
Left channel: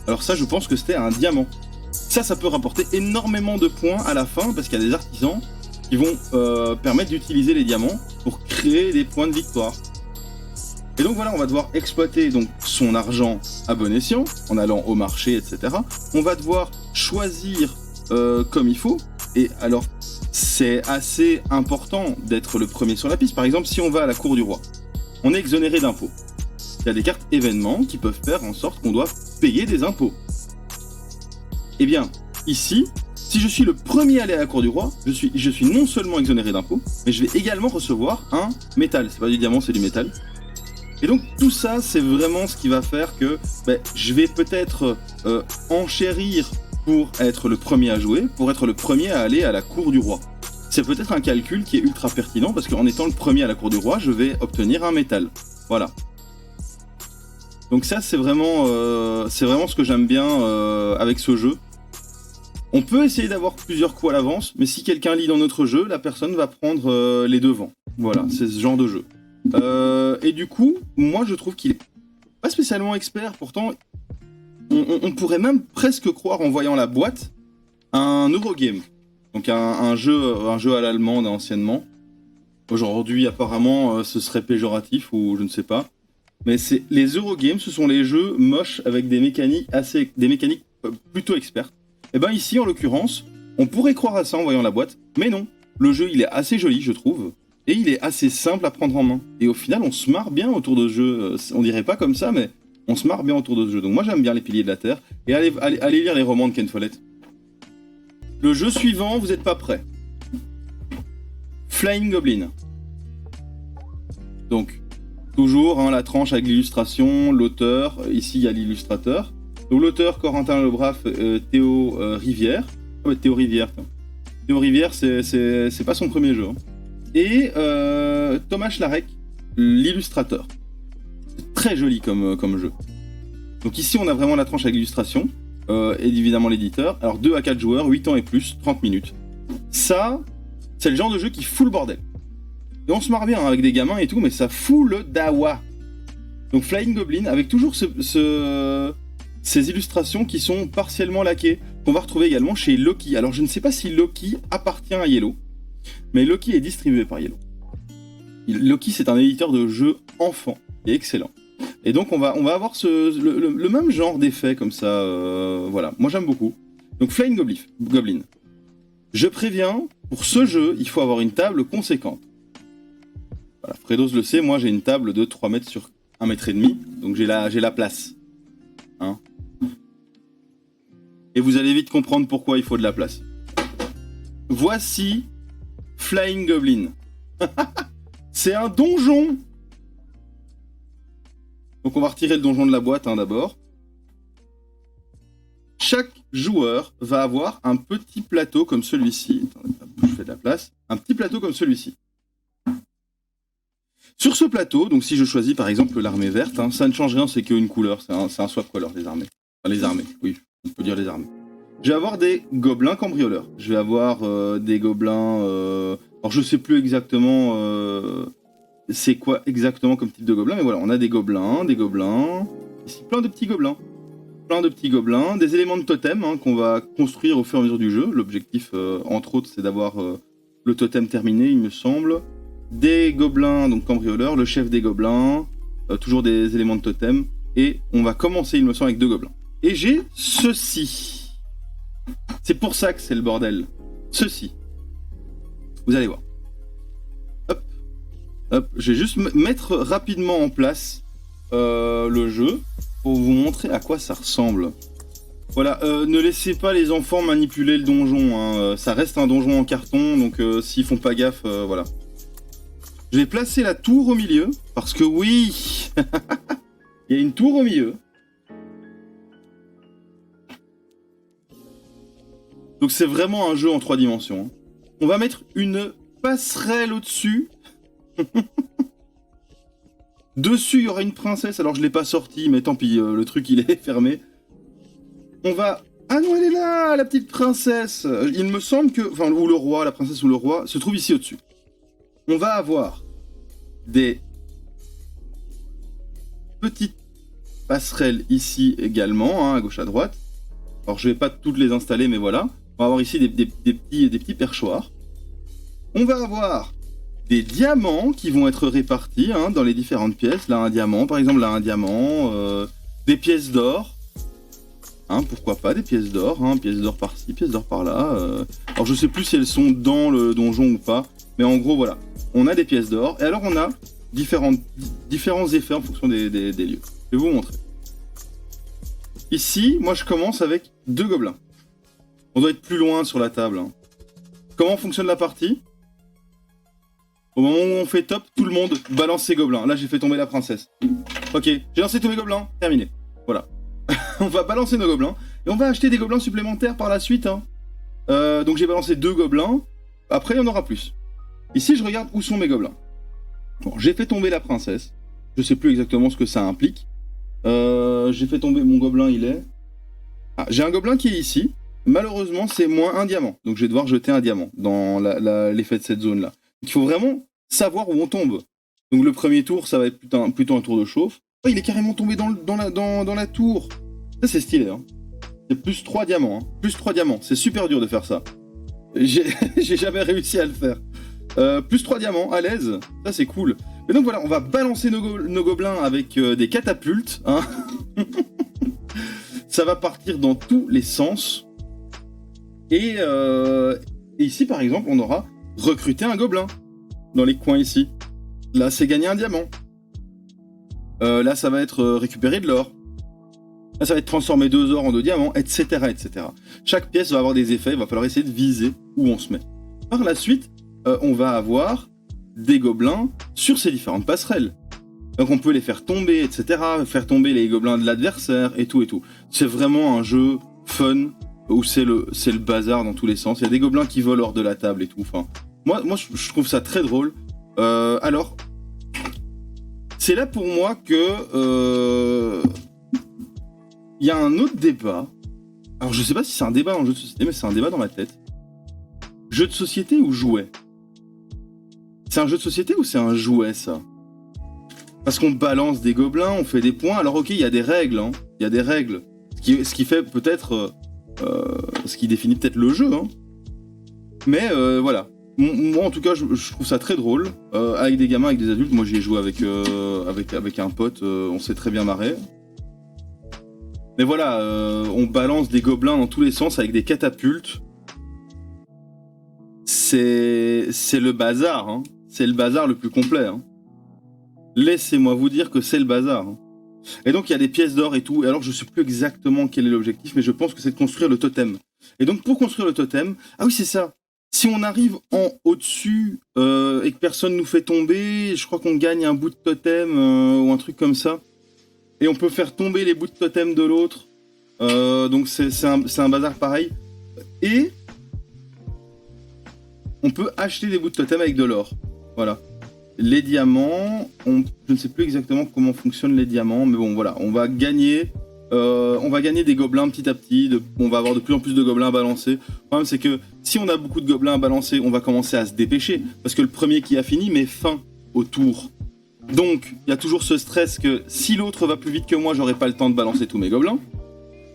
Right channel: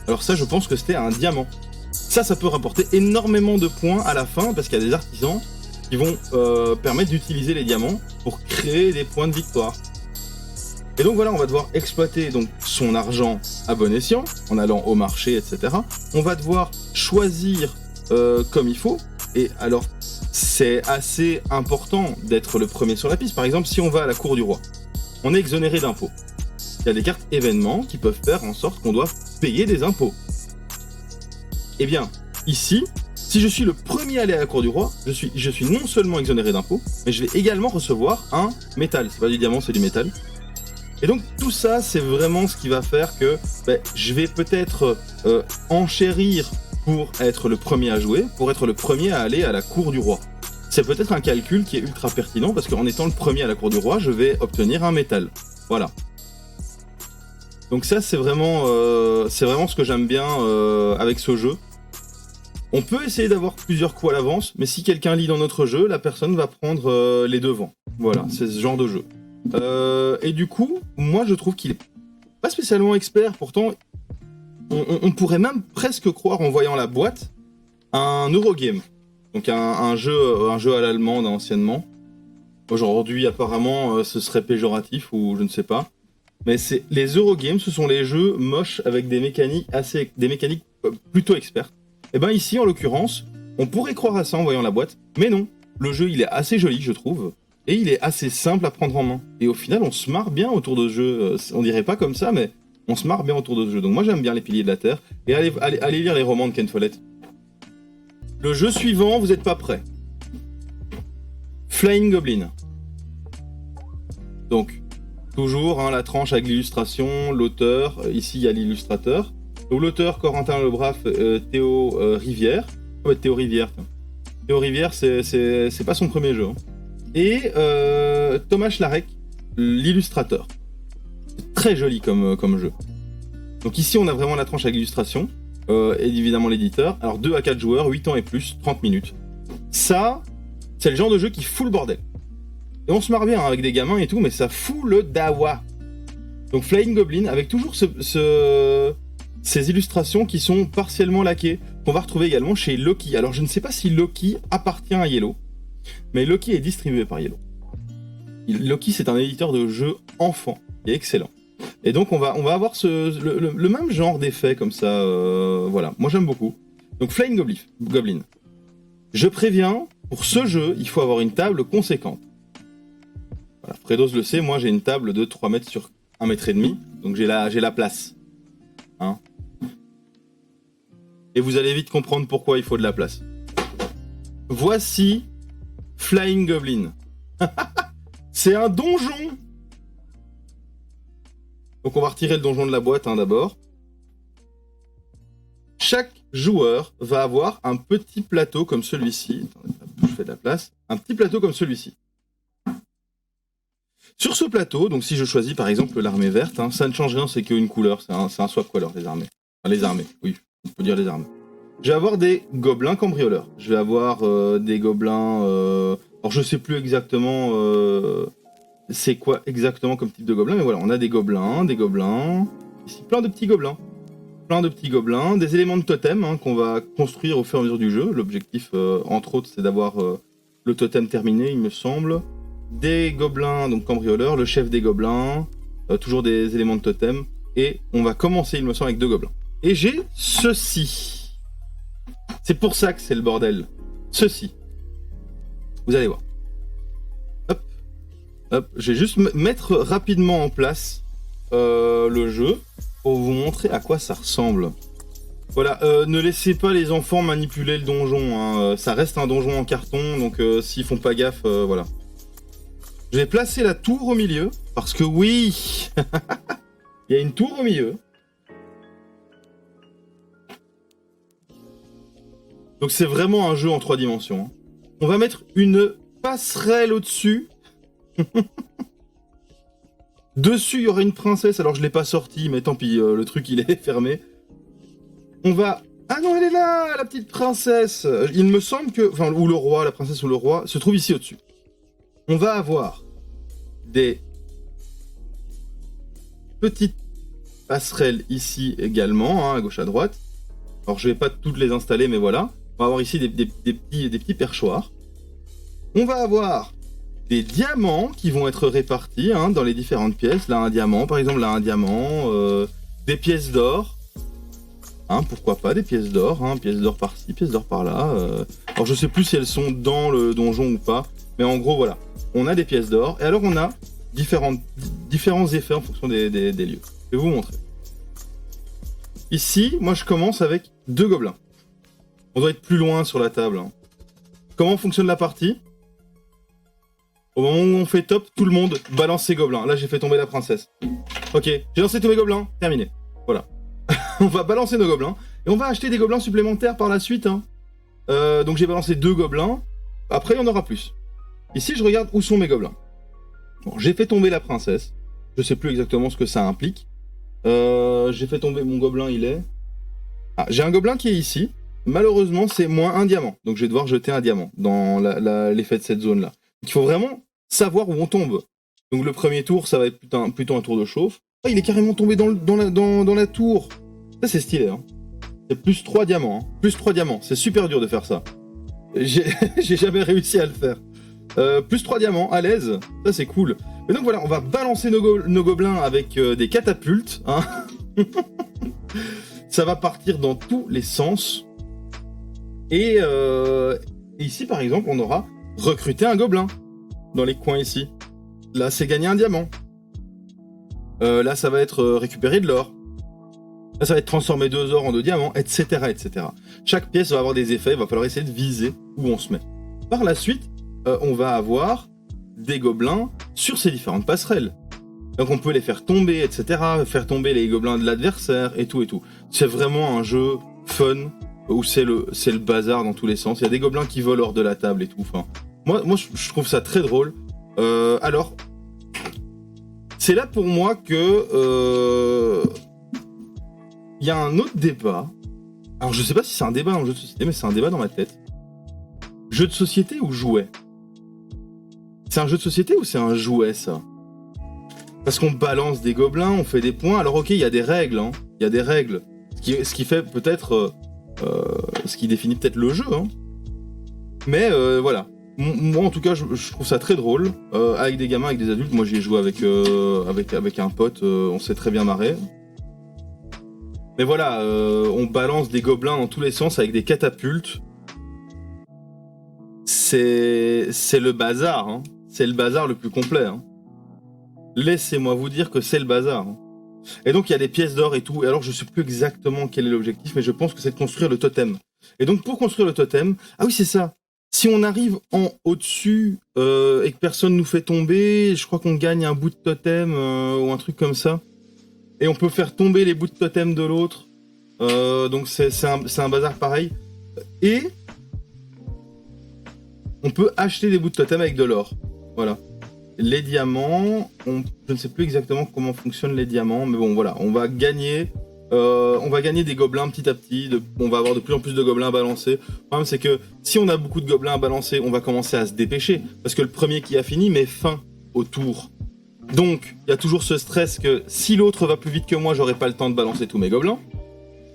Alors ça, je pense que c'était un diamant. Ça peut rapporter énormément de points à la fin, parce qu'il y a des artisans qui vont permettre d'utiliser les diamants pour créer des points de victoire. Et donc voilà, on va devoir exploiter donc son argent à bon escient, en allant au marché, etc. On va devoir choisir comme il faut. Et alors, c'est assez important d'être le premier sur la piste. Par exemple, si on va à la cour du roi, on est exonéré d'impôts. il y a des cartes événements qui peuvent faire en sorte qu'on doit payer des impôts. Eh bien, ici, si je suis le premier à aller à la cour du roi, je suis non seulement exonéré d'impôts, mais je vais également recevoir un métal. C'est pas du diamant, c'est du métal. Et donc tout ça, c'est vraiment ce qui va faire que je vais peut-être enchérir pour être le premier à jouer, pour être le premier à aller à la cour du roi. C'est peut-être un calcul qui est ultra pertinent parce qu'en étant le premier à la cour du roi, je vais obtenir un métal. Voilà. Donc ça, c'est vraiment ce que j'aime bien avec ce jeu. On peut essayer d'avoir plusieurs coups à l'avance, mais si quelqu'un lit dans notre jeu, la personne va prendre les devants. Voilà, c'est ce genre de jeu. Et du coup, moi je trouve qu'il est pas spécialement expert, pourtant on pourrait même presque croire en voyant la boîte un Eurogame. Donc un jeu à l'allemande anciennement. Aujourd'hui apparemment ce serait péjoratif ou je ne sais pas. Mais les Eurogames, ce sont les jeux moches avec des mécaniques plutôt expertes. Et ben ici en l'occurrence, on pourrait croire à ça en voyant la boîte, mais non. Le jeu il est assez joli je trouve. Et il est assez simple à prendre en main. Et au final, on se marre bien autour de ce jeu. On dirait pas comme ça, mais on se marre bien autour de ce jeu. Donc moi, j'aime bien les Piliers de la Terre. Et allez lire les romans de Ken Follett. Le jeu suivant, vous n'êtes pas prêts. Flying Goblin. Donc, toujours la tranche avec l'illustration, l'auteur. Ici, il y a l'illustrateur. Donc l'auteur, Corentin Lebraf, Théo Rivière. Ouais, Théo Rivière. Théo Rivière, c'est pas son premier jeu. Et Thomas Schlarek, l'illustrateur. Très joli comme jeu. Donc ici, on a vraiment la tranche avec l'illustration. Et évidemment l'éditeur. Alors 2 à 4 joueurs, 8 ans et plus, 30 minutes. Ça, c'est le genre de jeu qui fout le bordel. Et on se marre bien avec des gamins et tout, mais ça fout le dawa. Donc Flying Goblin, avec toujours ces illustrations qui sont partiellement laquées, qu'on va retrouver également chez Loki. Alors je ne sais pas si Loki appartient à Yellow, mais Loki est distribué par Yellow. Loki, c'est un éditeur de jeux enfants, qui est excellent. Et donc on va avoir le même genre d'effet comme ça, voilà. Moi j'aime beaucoup. Donc Flying Goblin. Je préviens, pour ce jeu, il faut avoir une table conséquente. Voilà, Fredos le sait, moi j'ai une table de 3 mètres sur 1 mètre et demi, donc j'ai la place. Hein. Et vous allez vite comprendre pourquoi il faut de la place. Voici Flying Goblin. C'est un donjon. Donc on va retirer le donjon de la boîte d'abord. Chaque joueur va avoir un petit plateau comme celui-ci. Attendez, je fais de la place. Un petit plateau comme celui-ci. Sur ce plateau, donc si je choisis par exemple l'armée verte, ça ne change rien, c'est qu'une couleur, c'est un swap color, les armées. Enfin, les armées, oui, on peut dire les armées. Je vais avoir des gobelins cambrioleurs. Je vais avoir des gobelins... Alors je sais plus exactement c'est quoi exactement comme type de gobelin, mais voilà, on a des gobelins, ici plein de petits gobelins, des éléments de totem qu'on va construire au fur et à mesure du jeu. L'objectif, entre autres, c'est d'avoir le totem terminé, il me semble. Des gobelins, donc cambrioleurs, le chef des gobelins, toujours des éléments de totem, et on va commencer, il me semble, avec 2 gobelins. Et j'ai ceci. C'est pour ça que c'est le bordel. Ceci. Vous allez voir. Hop, je vais juste mettre rapidement en place le jeu pour vous montrer à quoi ça ressemble. Voilà, ne laissez pas les enfants manipuler le donjon. Ça reste un donjon en carton, donc s'ils font pas gaffe, voilà. Je vais placer la tour au milieu, parce que oui, il y a une tour au milieu. Donc c'est vraiment un jeu en 3 dimensions. On va mettre une passerelle au-dessus. Dessus, il y aura une princesse. Alors je l'ai pas sortie, mais tant pis, le truc il est fermé. On va... Ah non, elle est là, la petite princesse. Il me semble que... Enfin, ou le roi, la princesse ou le roi, se trouve ici au-dessus. On va avoir des petites passerelles ici également, à gauche à droite. Alors je vais pas toutes les installer, mais voilà. On va avoir ici des petits perchoirs. On va avoir des diamants qui vont être répartis dans les différentes pièces. Là un diamant, par exemple, là un diamant. Des pièces d'or. Pourquoi pas des pièces d'or, pièces d'or par-ci, pièces d'or par-là. Alors je sais plus si elles sont dans le donjon ou pas. Mais en gros, voilà. On a des pièces d'or. Et alors on a différents effets en fonction des lieux. Je vais vous montrer. Ici, moi je commence avec 2 gobelins. On doit être plus loin sur la table. Hein. Comment fonctionne la partie? Au moment où on fait top, tout le monde balance ses gobelins. Là, j'ai fait tomber la princesse. Ok, j'ai lancé tous mes gobelins. Terminé. Voilà. On va balancer nos gobelins. Et on va acheter des gobelins supplémentaires par la suite. Hein. Donc j'ai balancé 2 gobelins. Après, il y en aura plus. Ici, je regarde où sont mes gobelins. Bon, j'ai fait tomber la princesse. Je sais plus exactement ce que ça implique. J'ai fait tomber mon gobelin, il est... Ah, j'ai un gobelin qui est ici. Malheureusement, c'est moins 1 diamant. Donc je vais devoir jeter un diamant dans l'effet de cette zone-là. Il faut vraiment savoir où on tombe. Donc le premier tour, ça va être plutôt un tour de chauffe. Oh, il est carrément tombé dans la tour. Ça, c'est stylé. Hein. C'est plus 3 diamants. Hein. Plus 3 diamants. C'est super dur de faire ça. J'ai jamais réussi à le faire. Plus 3 diamants, à l'aise. Ça, c'est cool. Et donc voilà, on va balancer nos gobelins avec des catapultes. Hein. Ça va partir dans tous les sens. Et ici, par exemple, on aura recruté un gobelin dans les coins ici. Là, c'est gagner un diamant. Là, ça va être récupérer de l'or. Là, ça va être transformer 2 ors en 2 diamants, etc., etc. Chaque pièce va avoir des effets. Il va falloir essayer de viser où on se met. Par la suite, on va avoir des gobelins sur ces différentes passerelles. Donc, on peut les faire tomber, etc. Faire tomber les gobelins de l'adversaire et tout et tout. C'est vraiment un jeu fun où c'est le bazar dans tous les sens. Il y a des gobelins qui volent hors de la table et tout. Enfin, moi je trouve ça très drôle. Alors, c'est là pour moi que il y a un autre débat. Alors, je sais pas si c'est un débat dans le jeu de société, mais c'est un débat dans ma tête. Jeu de société ou jouet? C'est un jeu de société ou c'est un jouet, ça? Parce qu'on balance des gobelins, on fait des points. Alors, ok, il y a des règles. Hein. Il y a des règles. Ce qui fait peut-être... ce qui définit peut-être le jeu. Hein. Mais voilà. Moi, en tout cas, je trouve ça très drôle. Avec des gamins, avec des adultes. Moi, j'y ai joué avec un pote. On s'est très bien marré. Mais voilà, on balance des gobelins dans tous les sens avec des catapultes. C'est le bazar. Hein. C'est le bazar le plus complet. Hein. Laissez-moi vous dire que c'est le bazar. Hein. Et donc il y a des pièces d'or et tout. Et alors je sais plus exactement quel est l'objectif, mais je pense que c'est de construire le totem. Et donc pour construire le totem, ah oui c'est ça. Si on arrive en au-dessus et que personne nous fait tomber, je crois qu'on gagne un bout de totem ou un truc comme ça. Et on peut faire tomber les bouts de totem de l'autre. Donc c'est un bazar pareil. Et on peut acheter des bouts de totem avec de l'or. Voilà. Les diamants, je ne sais plus exactement comment fonctionnent les diamants, mais bon voilà, on va gagner des gobelins petit à petit, on va avoir de plus en plus de gobelins à balancer. Le problème c'est que si on a beaucoup de gobelins à balancer, on va commencer à se dépêcher, parce que le premier qui a fini met fin au tour. Donc il y a toujours ce stress que si l'autre va plus vite que moi, j'aurai pas le temps de balancer tous mes gobelins.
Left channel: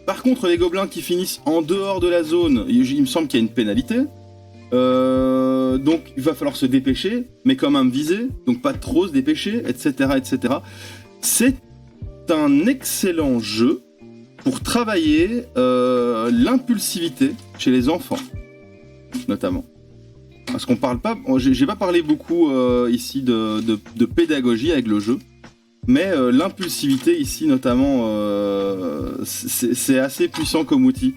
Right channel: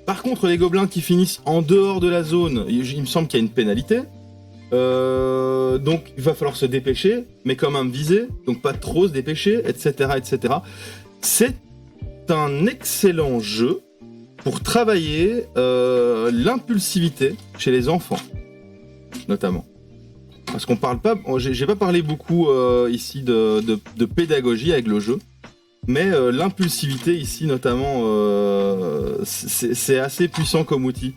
Par contre, les gobelins qui finissent en dehors de la zone, il me semble qu'il y a une pénalité. Donc il va falloir se dépêcher, mais quand même viser, donc pas trop se dépêcher, etc., etc. C'est un excellent jeu pour travailler l'impulsivité chez les enfants, notamment. Parce qu'on parle pas, j'ai pas parlé beaucoup ici de pédagogie avec le jeu, mais l'impulsivité ici notamment, c'est assez puissant comme outil.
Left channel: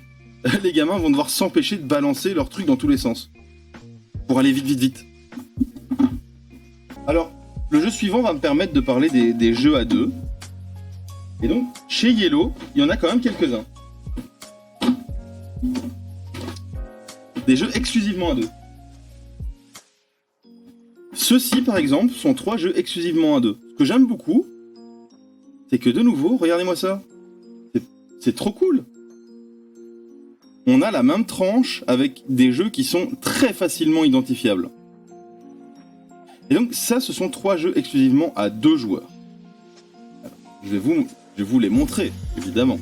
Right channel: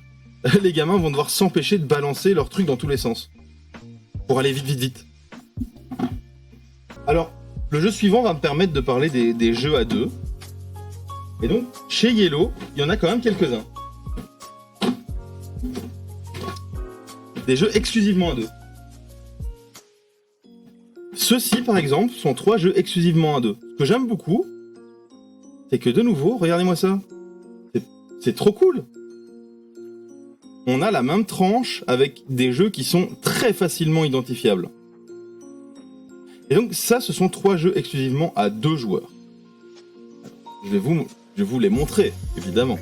Les gamins vont devoir s'empêcher de balancer leurs trucs dans tous les sens. Pour aller vite, vite, vite. Alors, le jeu suivant va me permettre de parler des jeux à deux. Et donc, chez Yellow, il y en a quand même quelques-uns. Des jeux exclusivement à deux. Ceux-ci, par exemple, sont 3 jeux exclusivement à deux. Ce que j'aime beaucoup, c'est que de nouveau, regardez-moi ça. C'est trop cool. On a la même tranche avec des jeux qui sont très facilement identifiables. Et donc ça, ce sont 3 jeux exclusivement à 2 joueurs. Alors, je vais vous les montrer, évidemment.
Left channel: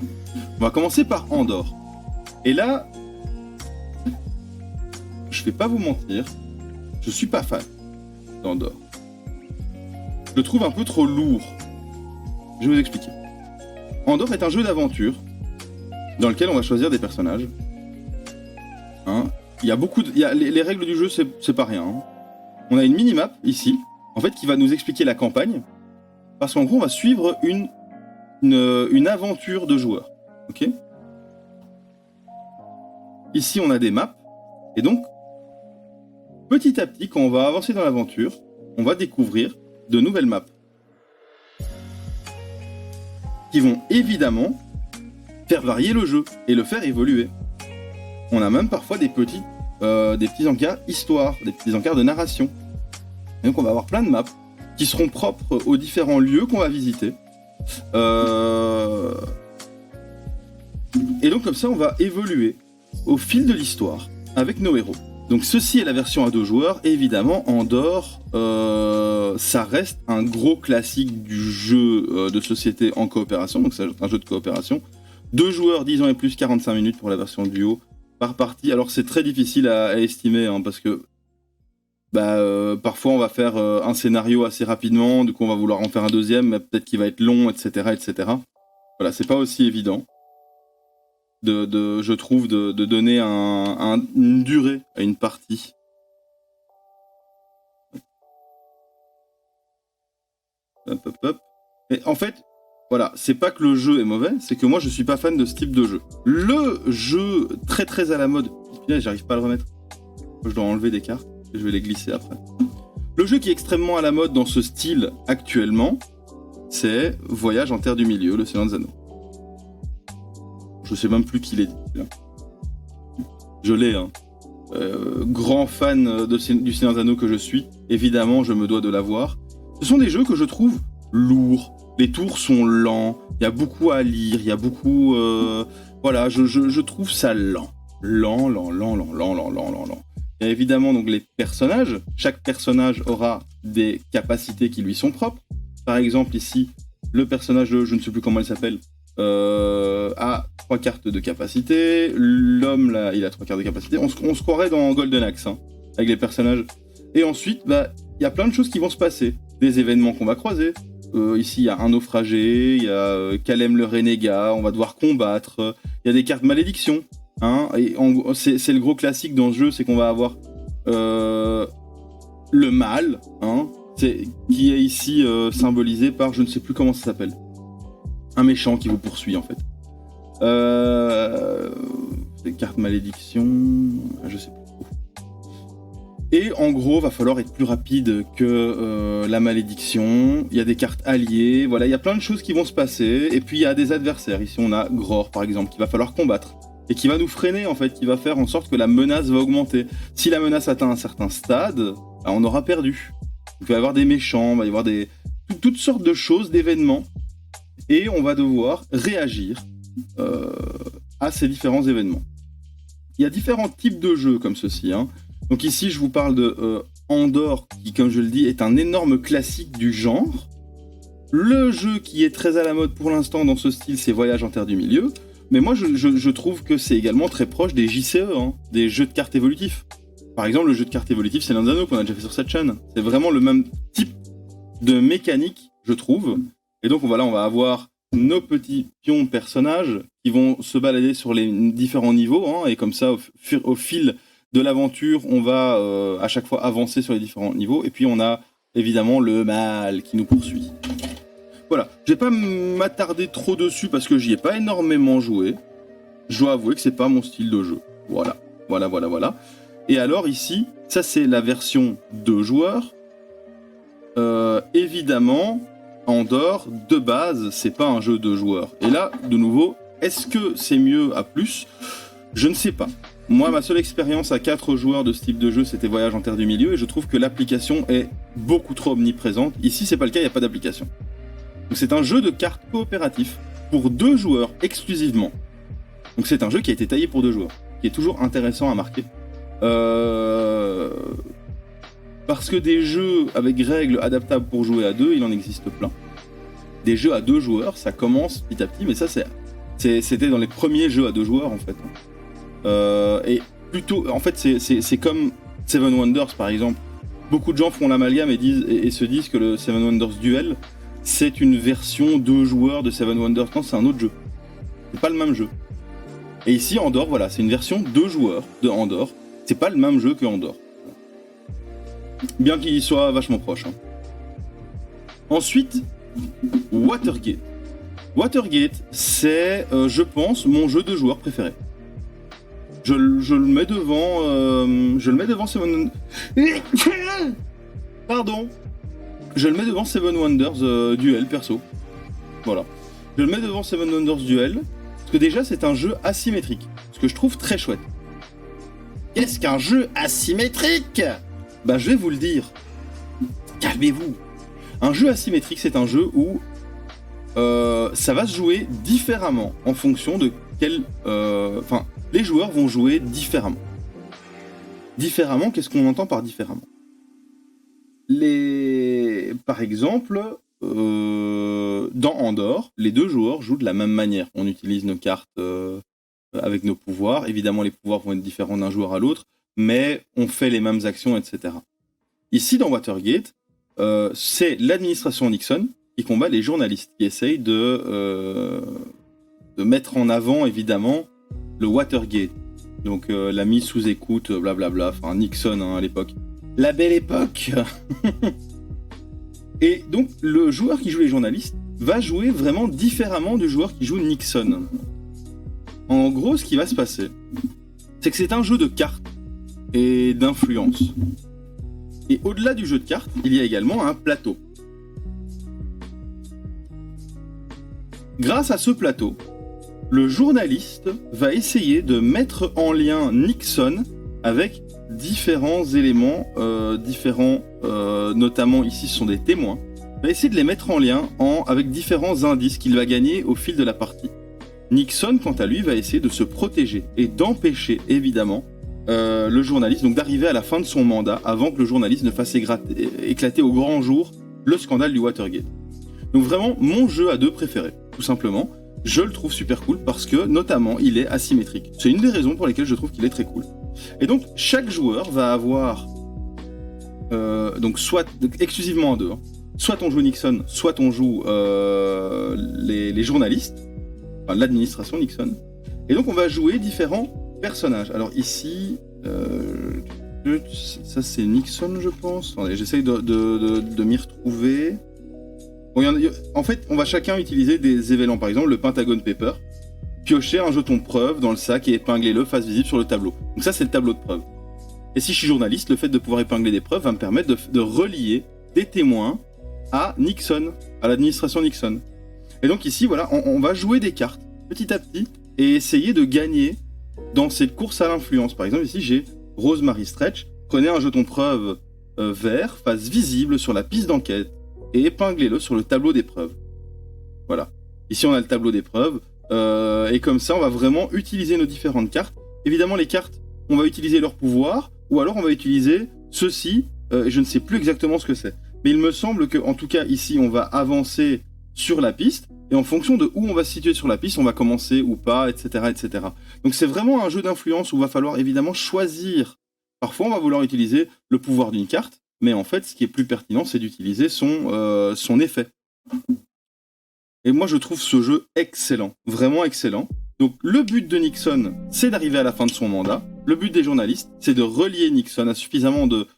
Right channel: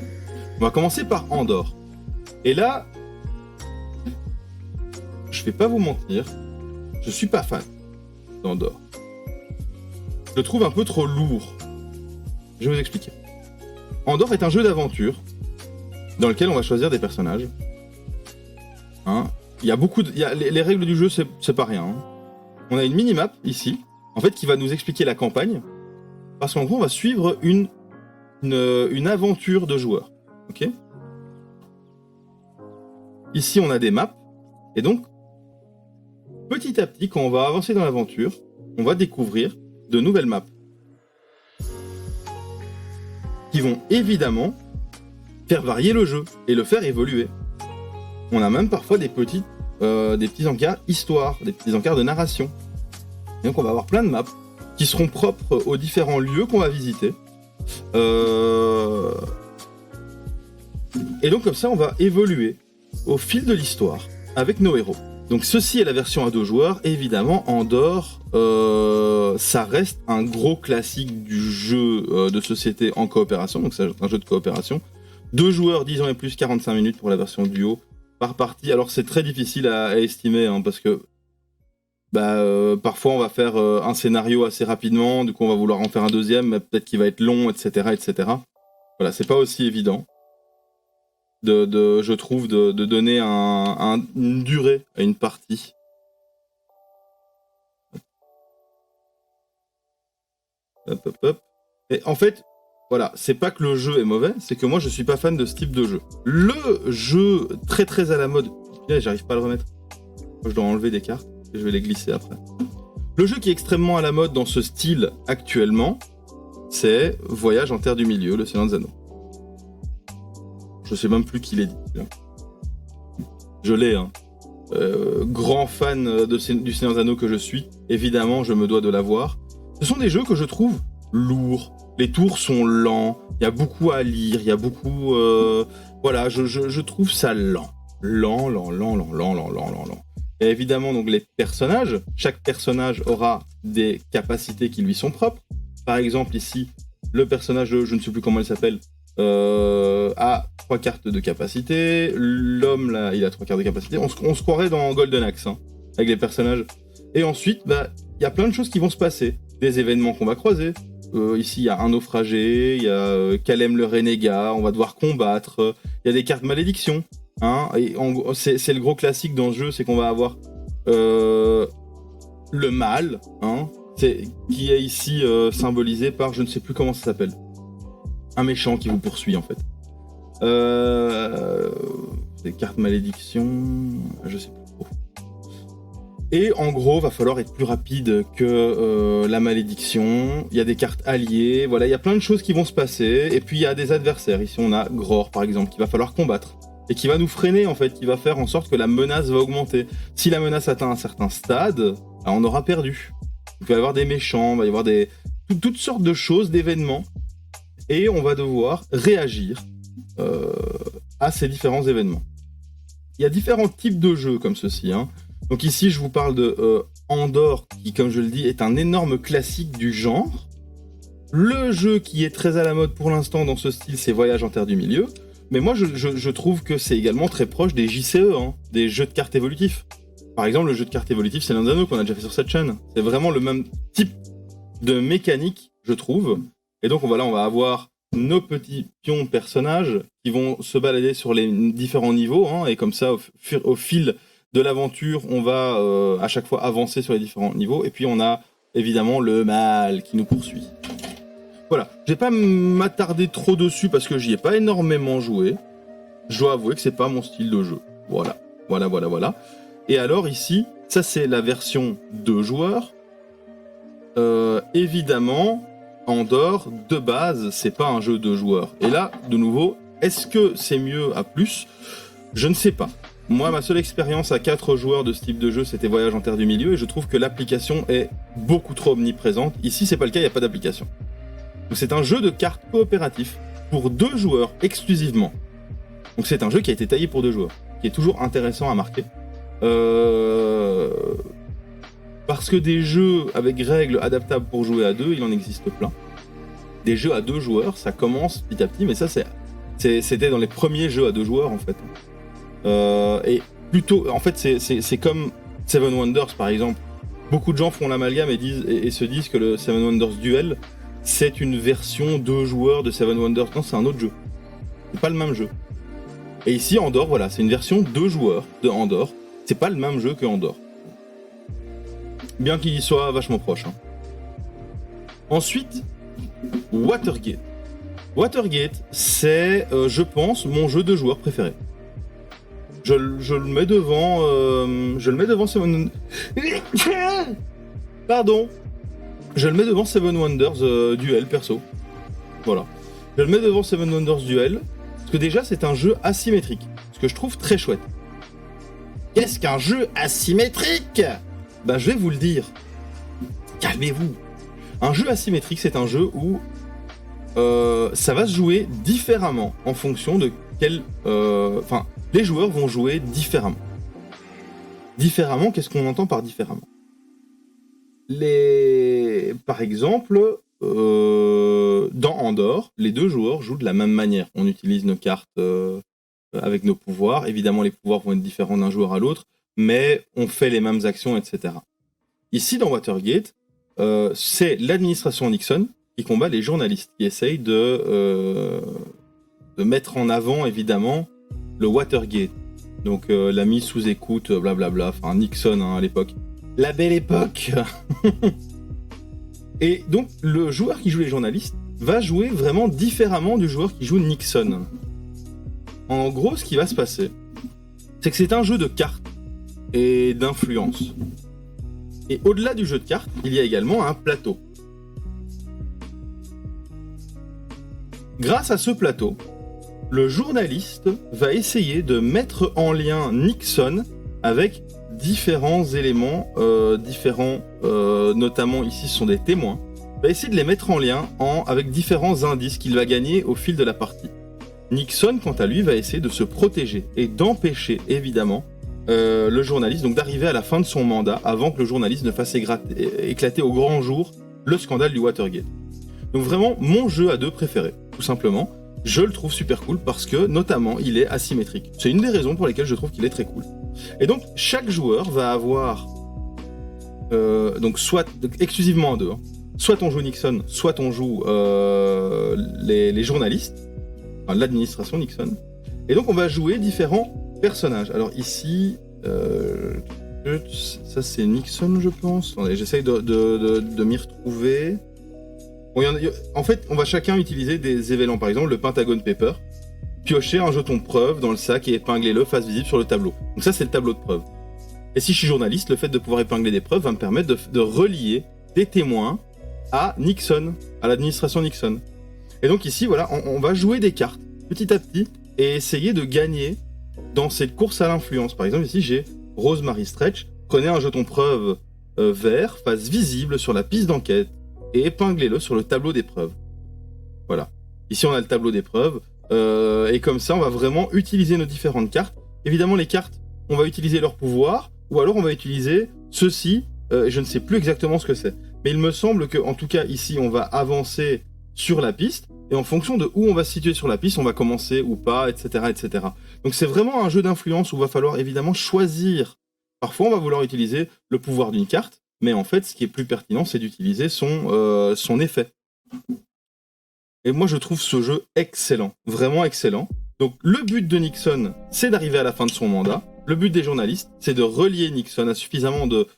On va commencer par Andorre. Et là, je vais pas vous mentir, je suis pas fan d'Andorre. Je le trouve un peu trop lourd. Je vais vous expliquer. Andorre est un jeu d'aventure dans lequel on va choisir des personnages. Hein, il y a beaucoup les règles du jeu, c'est pas rien. Hein. On a une minimap ici, en fait, qui va nous expliquer la campagne, parce qu'en gros, on va suivre une aventure de joueur. Ok ? Ici, on a des maps, et donc, petit à petit, quand on va avancer dans l'aventure, on va découvrir de nouvelles maps qui vont évidemment faire varier le jeu et le faire évoluer. On a même parfois des petits encarts histoire, des petits encarts de narration. Et donc on va avoir plein de maps qui seront propres aux différents lieux qu'on va visiter. Et donc comme ça, on va évoluer au fil de l'histoire avec nos héros. Donc ceci est la version à 2 joueurs. Et évidemment, Andor, ça reste un gros classique du jeu de société en coopération. Donc c'est un jeu de coopération. 2 joueurs, 10 ans et plus, 45 minutes pour la version duo par partie. Alors c'est très difficile à estimer, hein, parce que parfois on va faire un scénario assez rapidement, du coup on va vouloir en faire un deuxième, mais peut-être qu'il va être long, etc. etc. Voilà, c'est pas aussi évident, je trouve, de donner une durée à une partie. Hop. Et en fait, voilà, c'est pas que le jeu est mauvais, c'est que moi je suis pas fan de ce type de jeu. Le jeu très très à la mode, j'arrive pas à le remettre, je dois enlever des cartes et je vais les glisser après. Le jeu qui est extrêmement à la mode dans ce style actuellement, c'est Voyage en Terre du Milieu, le Seigneur des Anneaux. Je sais même plus qui l'a dit. Là. Je l'ai, hein. Grand fan du Seigneur des Anneaux que je suis, évidemment je me dois de l'avoir. Ce sont des jeux que je trouve lourds. Les tours sont lents, il y a beaucoup à lire, il y a beaucoup... voilà, je trouve ça lent. Lent. Il y a évidemment donc les personnages. Chaque personnage aura des capacités qui lui sont propres. Par exemple, ici, le personnage de, je ne sais plus comment il s'appelle, a 3 cartes de capacité. L'homme, là, il a 3 cartes de capacité. On se croirait dans Golden Axe, hein, avec les personnages. Et ensuite, il y a plein de choses qui vont se passer. Des événements qu'on va croiser. Ici, il y a un naufragé, il y a Kalem le renégat, on va devoir combattre. Il y a des cartes malédiction. Hein, et c'est le gros classique dans ce jeu, c'est qu'on va avoir le mal, hein, qui est ici symbolisé par, je ne sais plus comment ça s'appelle, un méchant qui vous poursuit en fait. Des cartes malédiction, je sais plus. Et en gros, va falloir être plus rapide que la malédiction. Il y a des cartes alliées, voilà, il y a plein de choses qui vont se passer. Et puis il y a des adversaires. Ici, on a Gror, par exemple, qu'il va falloir combattre. Et qui va nous freiner, en fait, qui va faire en sorte que la menace va augmenter. Si la menace atteint un certain stade, on aura perdu. Il va y avoir des méchants, il va y avoir toutes sortes de choses, d'événements. Et on va devoir réagir à ces différents événements. Il y a différents types de jeux comme ceci, hein. Donc ici, je vous parle de Andor, qui, comme je le dis, est un énorme classique du genre. Le jeu qui est très à la mode pour l'instant dans ce style, c'est Voyage en Terre du Milieu. Mais moi, je trouve que c'est également très proche des JCE, hein, des jeux de cartes évolutifs. Par exemple, le jeu de cartes évolutif, c'est l'un des anneaux qu'on a déjà fait sur cette chaîne. C'est vraiment le même type de mécanique, je trouve. Et donc, on va avoir nos petits pions personnages qui vont se balader sur les différents niveaux. Hein, et comme ça, au fil de l'aventure, on va à chaque fois avancer sur les différents niveaux. Et puis, on a évidemment le mal qui nous poursuit. Voilà, je vais pas m'attarder trop dessus parce que j'y ai pas énormément joué. Je dois avouer que c'est pas mon style de jeu. Voilà. Et alors ici, ça c'est la version 2 joueurs. Évidemment, Andor, de base, c'est pas un jeu 2 joueurs. Et là, de nouveau, est-ce que c'est mieux à plus ? Je ne sais pas. Moi, ma seule expérience à 4 joueurs de ce type de jeu, c'était Voyage en Terre du Milieu, et je trouve que l'application est beaucoup trop omniprésente. Ici, c'est pas le cas, il n'y a pas d'application. Donc c'est un jeu de cartes coopératif pour 2 joueurs exclusivement. Donc c'est un jeu qui a été taillé pour 2 joueurs, qui est toujours intéressant à marquer. Parce que des jeux avec règles adaptables pour jouer à 2, il en existe plein. Des jeux à 2 joueurs, ça commence petit à petit, mais ça c'était dans les premiers jeux à 2 joueurs en fait. Et plutôt, en fait c'est comme Seven Wonders par exemple. Beaucoup de gens font l'amalgame et se disent que le Seven Wonders Duel, c'est une version 2 joueurs de Seven Wonders. Non, c'est un autre jeu. C'est pas le même jeu. Et ici, Andor, voilà, c'est une version 2 joueurs de Andor. C'est pas le même jeu que Andor. Bien qu'il soit vachement proche. Hein. Ensuite, Watergate. Watergate, c'est, je pense, mon jeu de joueur préféré. Je le mets devant... je le mets devant Seven... Pardon. Je le mets devant Seven Wonders Duel, perso. Voilà. Je le mets devant Seven Wonders Duel, parce que déjà, c'est un jeu asymétrique, ce que je trouve très chouette. Qu'est-ce qu'un jeu asymétrique ? Bah, je vais vous le dire. Calmez-vous. Un jeu asymétrique, c'est un jeu où ça va se jouer différemment en fonction de quel... Enfin, les joueurs vont jouer différemment. Différemment, qu'est-ce qu'on entend par différemment ? Par exemple, dans Andorre, les deux joueurs jouent de la même manière. On utilise nos cartes avec nos pouvoirs. Évidemment, les pouvoirs vont être différents d'un joueur à l'autre, mais on fait les mêmes actions, etc. Ici, dans Watergate, c'est l'administration Nixon qui combat les journalistes, qui essayent de mettre en avant, évidemment, le Watergate. Donc, la mise sous écoute, blablabla, enfin Nixon à l'époque. La belle époque. Et donc, le joueur qui joue les journalistes va jouer vraiment différemment du joueur qui joue Nixon. En gros, ce qui va se passer, c'est que c'est un jeu de cartes et d'influence. Et au-delà du jeu de cartes, il y a également un plateau. Grâce à ce plateau, le journaliste va essayer de mettre en lien Nixon avec différents éléments, notamment ici ce sont des témoins, va essayer de les mettre en lien avec différents indices qu'il va gagner au fil de la partie. Nixon, quant à lui, va essayer de se protéger et d'empêcher, évidemment, le journaliste donc d'arriver à la fin de son mandat avant que le journaliste ne fasse éclater au grand jour le scandale du Watergate. Donc vraiment, mon jeu à deux préféré, tout simplement. Je le trouve super cool parce que, notamment, il est asymétrique. C'est une des raisons pour lesquelles je trouve qu'il est très cool. Et donc, chaque joueur va avoir, donc exclusivement à deux, hein. Soit on joue Nixon, soit on joue les journalistes, enfin l'administration Nixon. Et donc, on va jouer différents personnages. Alors ici, ça c'est Nixon, je pense. Attendez, j'essaye de m'y retrouver. Bon, en fait, on va chacun utiliser des événements. Par exemple, le Pentagon Paper. Piocher un jeton de preuve dans le sac et épingler-le face visible sur le tableau. Donc ça, c'est le tableau de preuve. Et si je suis journaliste, le fait de pouvoir épingler des preuves va me permettre de relier des témoins à Nixon, à l'administration Nixon. Et donc ici, voilà, on va jouer des cartes petit à petit et essayer de gagner dans cette course à l'influence. Par exemple, ici, j'ai Rosemary Stretch. Prenez un jeton preuve vert, face visible sur la piste d'enquête et épinglez-le sur le tableau des preuves. Voilà. Ici, on a le tableau des preuves. Et comme ça, on va vraiment utiliser nos différentes cartes. Évidemment, les cartes, on va utiliser leur pouvoir, ou alors on va utiliser ceci. Je ne sais plus exactement ce que c'est. Mais il me semble qu'en tout cas, ici, on va avancer sur la piste. Et en fonction de où on va se situer sur la piste, on va commencer ou pas, etc. etc. Donc c'est vraiment un jeu d'influence où il va falloir évidemment choisir. Parfois, on va vouloir utiliser le pouvoir d'une carte, mais en fait, ce qui est plus pertinent, c'est d'utiliser son effet. Et moi, je trouve ce jeu excellent, vraiment excellent. Donc le but de Nixon, c'est d'arriver à la fin de son mandat. Le but des journalistes, c'est de relier Nixon à suffisamment de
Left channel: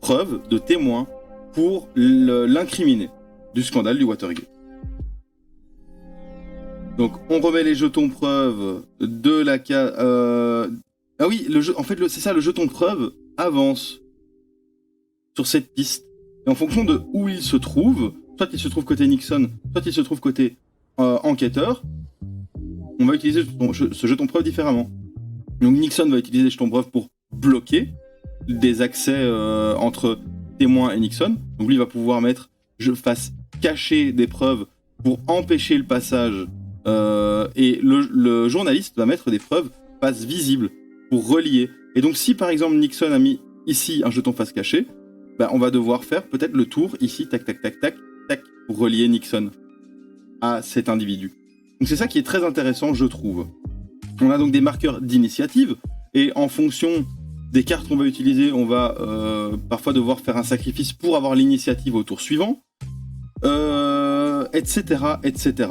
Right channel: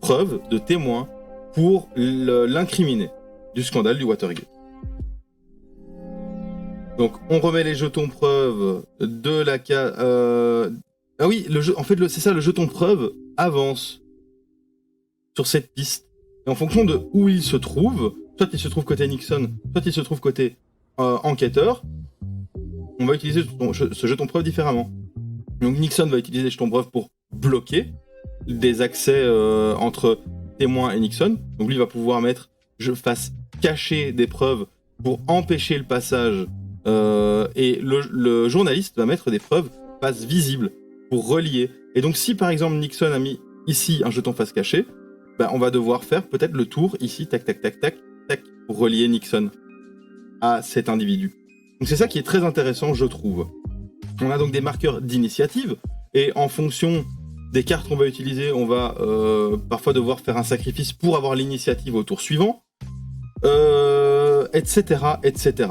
preuves, de témoins, pour l'incriminer du scandale du Watergate. Donc on remet les jetons preuves de la case... Ah oui, en fait, c'est ça, le jeton preuve avance sur cette piste. Et en fonction de où il se trouve, soit il se trouve côté Nixon, soit il se trouve côté enquêteur, on va utiliser ce jeton preuve différemment. Donc Nixon va utiliser les jetons preuve pour bloquer des accès entre témoins et Nixon. Donc lui va pouvoir mettre face cachée des preuves pour empêcher le passage. Et le journaliste va mettre des preuves face visible pour relier. Et donc si par exemple Nixon a mis ici un jeton face cachée, on va devoir faire peut-être le tour ici, tac, tac, tac, tac, tac, pour relier Nixon à cet individu. Donc c'est ça qui est très intéressant, je trouve. On a donc des marqueurs d'initiative, et en fonction des cartes qu'on va utiliser, on va parfois devoir faire un sacrifice pour avoir l'initiative au tour suivant, etc., etc.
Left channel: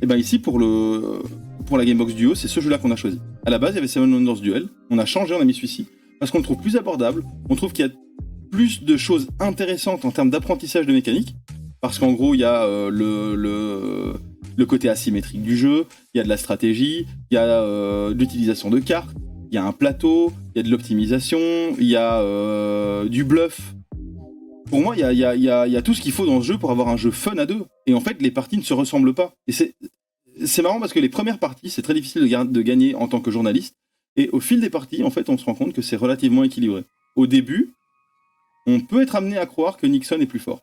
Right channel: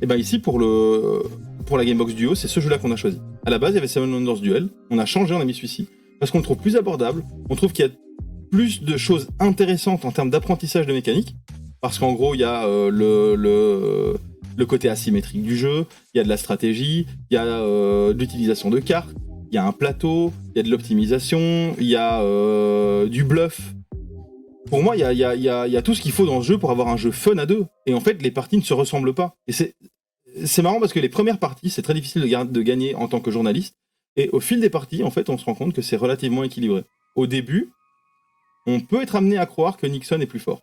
Et bien ici, pour la Gamebox Duo, c'est ce jeu-là qu'on a choisi. À la base, il y avait Seven Wonders Duel, on a changé, on a mis celui-ci, parce qu'on le trouve plus abordable, on trouve qu'il y a plus de choses intéressantes en termes d'apprentissage de mécanique, parce qu'en gros, il y a le côté asymétrique du jeu, il y a de la stratégie, il y a de l'utilisation de cartes, il y a un plateau, il y a de l'optimisation, il y a du bluff. Pour moi, il y a tout ce qu'il faut dans ce jeu pour avoir un jeu fun à deux. Et en fait, les parties ne se ressemblent pas. Et c'est marrant parce que les premières parties, c'est très difficile de gagner en tant que journaliste. Et au fil des parties, en fait, on se rend compte que c'est relativement équilibré. Au début, on peut être amené à croire que Nixon est plus fort.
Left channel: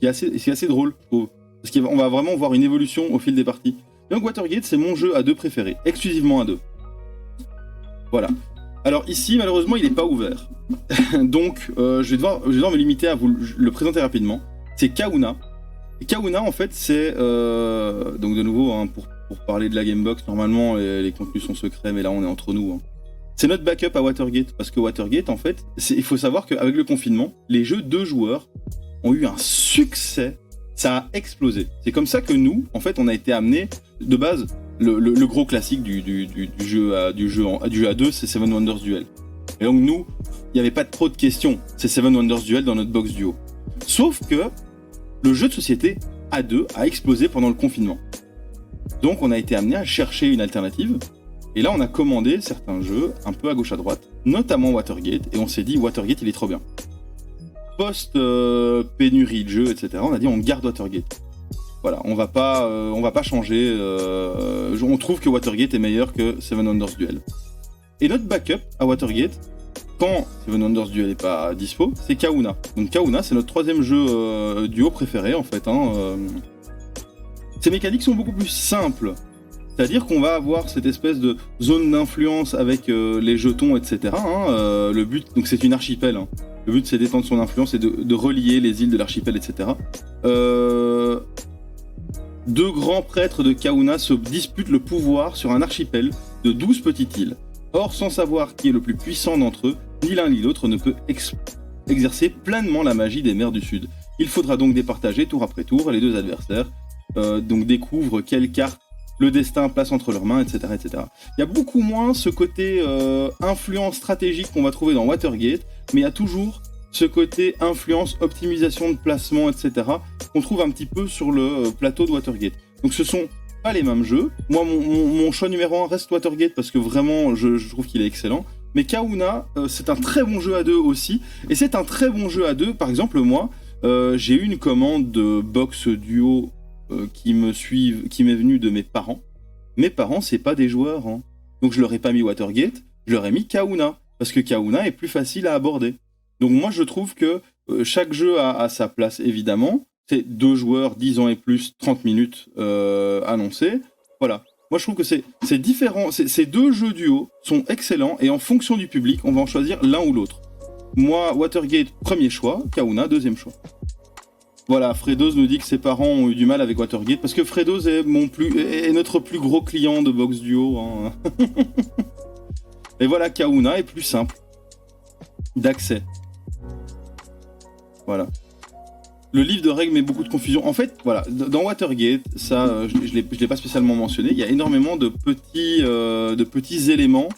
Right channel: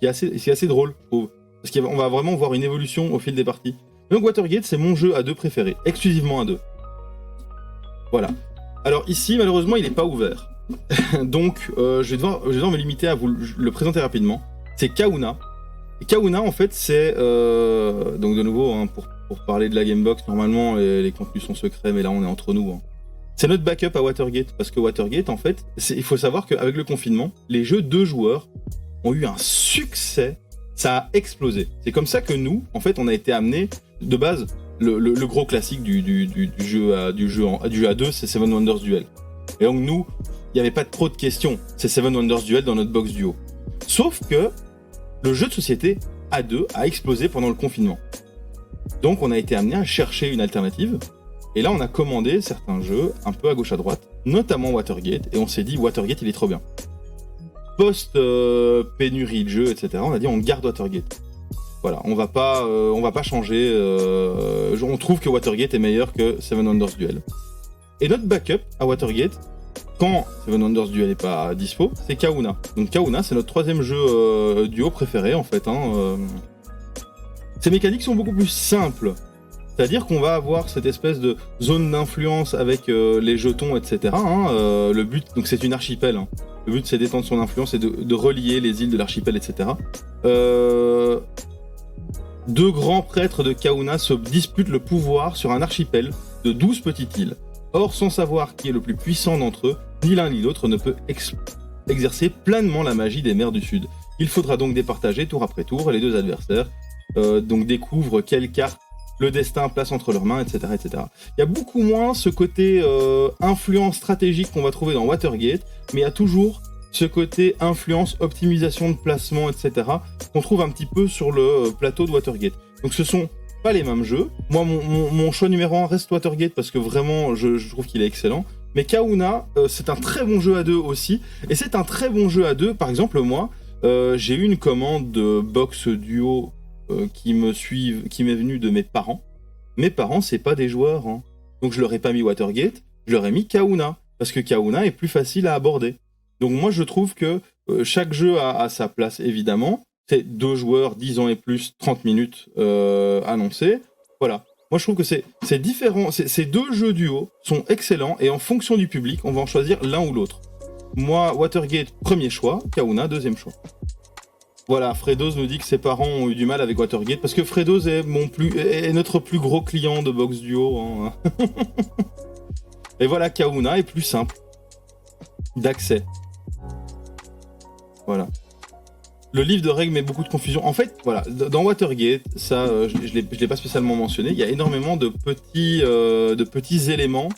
C'est assez drôle, je trouve. Parce qu'on va vraiment voir une évolution au fil des parties. Donc Watergate, c'est mon jeu à deux préféré, exclusivement à deux. Voilà. Alors ici, malheureusement, il n'est pas ouvert. Donc, je vais devoir me limiter à vous le présenter rapidement. C'est Kahuna. Et Kahuna, en fait, c'est... donc de nouveau, hein, pour parler de la Gamebox, normalement, les contenus sont secrets, mais là, on est entre nous. Hein. C'est notre backup à Watergate, parce que Watergate, en fait, il faut savoir qu'avec le confinement, les jeux 2 joueurs ont eu un succès, ça a explosé. C'est comme ça que nous, en fait, on a été amenés, de base, le gros classique du jeu à 2, c'est Seven Wonders Duel. Et donc nous, il n'y avait pas trop de questions, c'est Seven Wonders Duel dans notre box duo. Sauf que le jeu de société à 2 a explosé pendant le confinement. Donc on a été amené à chercher une alternative, et là on a commandé certains jeux un peu à gauche à droite, notamment Watergate, et on s'est dit Watergate il est trop bien. Post-pénurie de jeux, etc., on a dit on garde Watergate. Voilà, on va pas changer, on trouve que Watergate est meilleur que Seven Wonders Duel. Et notre backup à Watergate, quand Seven Wonders Duel n'est pas dispo, c'est Kahuna. Donc Kahuna, c'est notre troisième jeu duo préféré en fait. Ces mécaniques sont beaucoup plus simples. C'est-à-dire qu'on va avoir cette espèce de zone d'influence avec les jetons, etc. Le but, donc c'est une archipel. Hein. Le but, c'est d'étendre son influence et de relier les îles de l'archipel, etc. Deux grands prêtres de Kahuna se disputent le pouvoir sur un archipel de 12 petites îles. Or, sans savoir qui est le plus puissant d'entre eux, ni l'un ni l'autre ne peut exercer pleinement la magie des mers du Sud. Il faudra donc départager tour après tour, et les deux adversaires donc découvrent quelle carte le destin place entre leurs mains, etc., etc. Il y a beaucoup moins ce côté influence stratégique qu'on va trouver dans Watergate, mais il y a toujours ce côté influence, optimisation de placement, etc., qu'on trouve un petit peu sur le plateau de Watergate. Donc ce sont pas les mêmes jeux. Moi, mon choix numéro 1 reste Watergate parce que vraiment, je trouve qu'il est excellent. Mais Kahuna, c'est un très bon jeu à deux aussi. Et c'est un très bon jeu à deux. Par exemple, moi, j'ai eu une commande de box duo qui m'est venue de mes parents. Mes parents, c'est pas des joueurs. Hein. Donc je leur ai pas mis Watergate, je leur ai mis Kahuna. Parce que Kahuna est plus facile à aborder. Donc moi, je trouve que chaque jeu a sa place, évidemment. C'est 2 joueurs, 10 ans et plus, 30 minutes annoncées. Voilà. Moi, je trouve que c'est différent. Ces 2 jeux duo sont excellents et en fonction du public, on va en choisir l'un ou l'autre. Moi, Watergate, premier choix. Kahuna, deuxième choix. Voilà, Fredos nous dit que ses parents ont eu du mal avec Watergate parce que Fredos est notre plus gros client de box duo. Hein. Et voilà, Kahuna est plus simple d'accès. Voilà. Le livre de règles met beaucoup de confusion. En fait, voilà, dans Watergate, ça, je l'ai pas spécialement mentionné, il y a énormément de petits éléments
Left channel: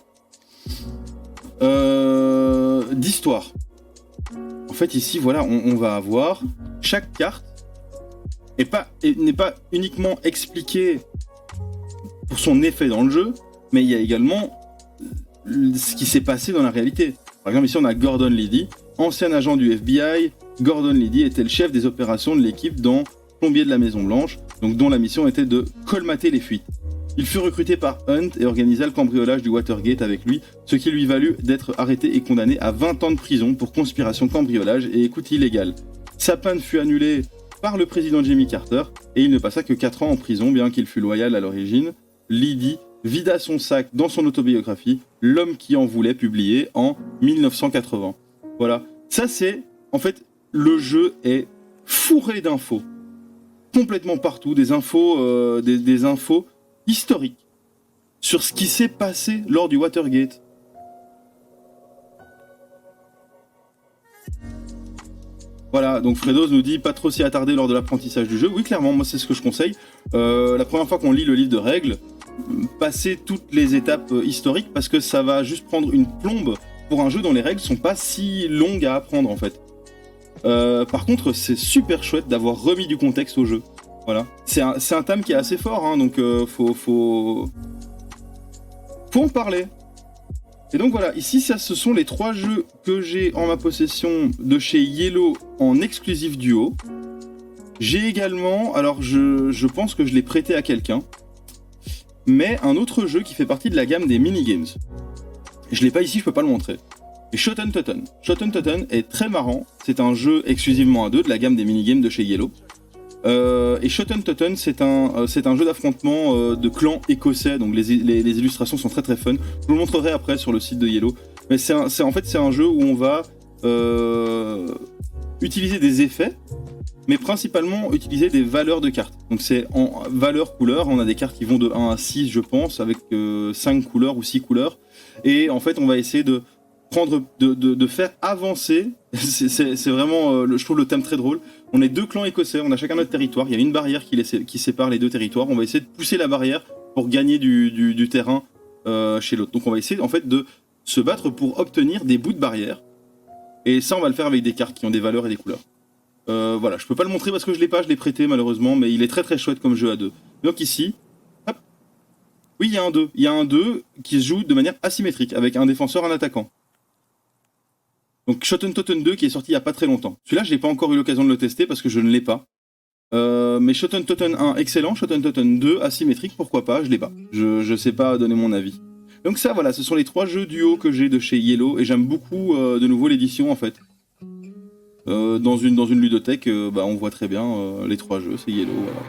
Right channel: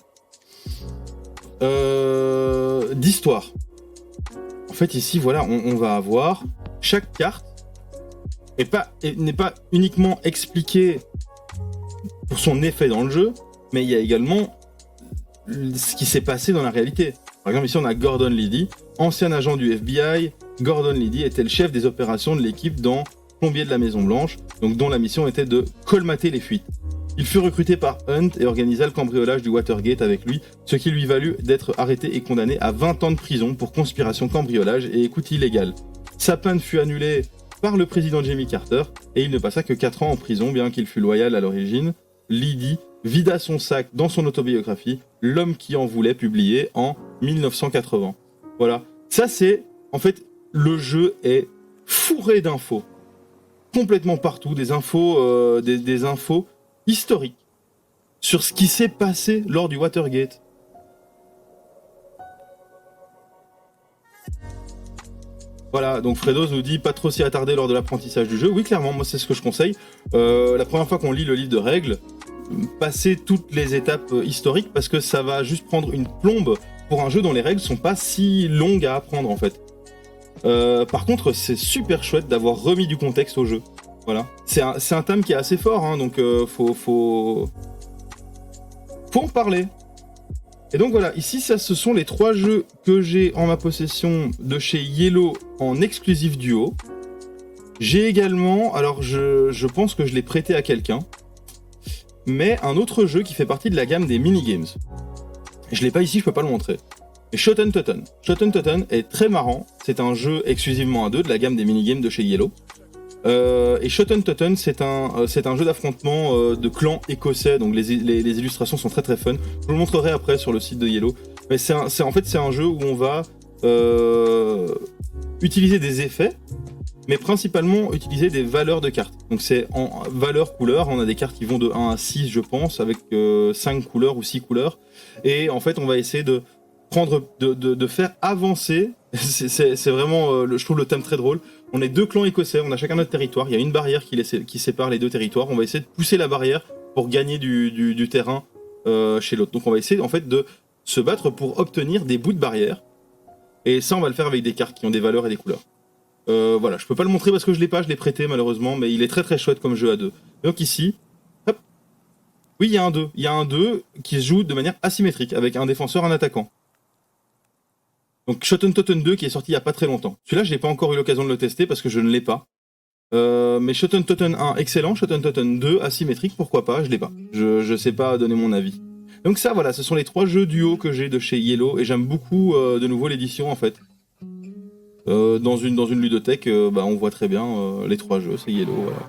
d'histoire. En fait, ici, voilà, on va avoir chaque carte n'est pas uniquement expliquée pour son effet dans le jeu, mais il y a également ce qui s'est passé dans la réalité. Par exemple, ici, on a Gordon Liddy, ancien agent du FBI. Gordon Liddy était le chef des opérations de l'équipe dans Plombier de la Maison Blanche, donc dont la mission était de colmater les fuites. Il fut recruté par Hunt et organisa le cambriolage du Watergate avec lui, ce qui lui valut d'être arrêté et condamné à 20 ans de prison pour conspiration, cambriolage et écoute illégale. Sa peine fut annulée par le président Jimmy Carter et il ne passa que 4 ans en prison, bien qu'il fût loyal à l'origine. Liddy vida son sac dans son autobiographie « L'homme qui en voulait » publié en 1980. Voilà, ça c'est... En fait, le jeu est fourré d'infos. Complètement partout, des infos, des infos historiques sur ce qui s'est passé lors du Watergate. Voilà, donc Fredos nous dit pas trop s'y attarder lors de l'apprentissage du jeu. Oui, clairement, moi c'est ce que je conseille. La première fois qu'on lit le livre de règles, passer toutes les étapes historiques parce que ça va juste prendre une plombe pour un jeu dont les règles sont pas si longues à apprendre en fait. Par contre, c'est super chouette d'avoir remis du contexte au jeu. Voilà. C'est un thème qui est assez fort, hein, donc faut en parler. Et donc voilà, ici, ce sont les 3 jeux que j'ai en ma possession de chez Yellow en exclusif duo. J'ai également, alors je pense que je l'ai prêté à quelqu'un, mais un autre jeu qui fait partie de la gamme des minigames. Je l'ai pas ici, je peux pas le montrer. Mais Shoten Totten. Shoten Totten est très marrant, c'est un jeu exclusivement à 2 de la gamme des minigames de chez Yellow. Et Shoten Totten, c'est un jeu d'affrontement de clans écossais, donc les illustrations sont très très fun. Je vous le montrerai après sur le site de Yellow. Mais en fait, c'est un jeu où on va utiliser des effets, mais principalement utiliser des valeurs de cartes. Donc c'est en valeur couleur, on a des cartes qui vont de 1 à 6 je pense, avec 5 couleurs ou 6 couleurs. Et en fait on va essayer de faire avancer, c'est vraiment, je trouve le thème très drôle. On est 2 clans écossais, on a chacun notre territoire, il y a une barrière qui sépare les 2 territoires, on va essayer de pousser la barrière pour gagner du terrain chez l'autre. Donc on va essayer en fait de se battre pour obtenir des bouts de barrière, et ça on va le faire avec des cartes qui ont des valeurs et des couleurs. Voilà, je peux pas le montrer parce que je l'ai prêté malheureusement, mais il est très très chouette comme jeu à 2. Donc ici, hop, oui il y a un 2, il y a un 2 qui se joue de manière asymétrique, avec un défenseur, un attaquant. Donc Shoten Totten 2 qui est sorti il y a pas très longtemps. Celui-là, j'ai pas encore eu l'occasion de le tester parce que je ne l'ai pas. Mais Shoten Totten 1 excellent, Shoten Totten 2 asymétrique, pourquoi pas, je l'ai pas. Je sais pas donner mon avis. Donc ça voilà, ce sont les 3 jeux duo que j'ai de chez Yellow et j'aime beaucoup de nouveau l'édition en fait. Dans une ludothèque, on voit très bien les 3 jeux, c'est Yellow, voilà.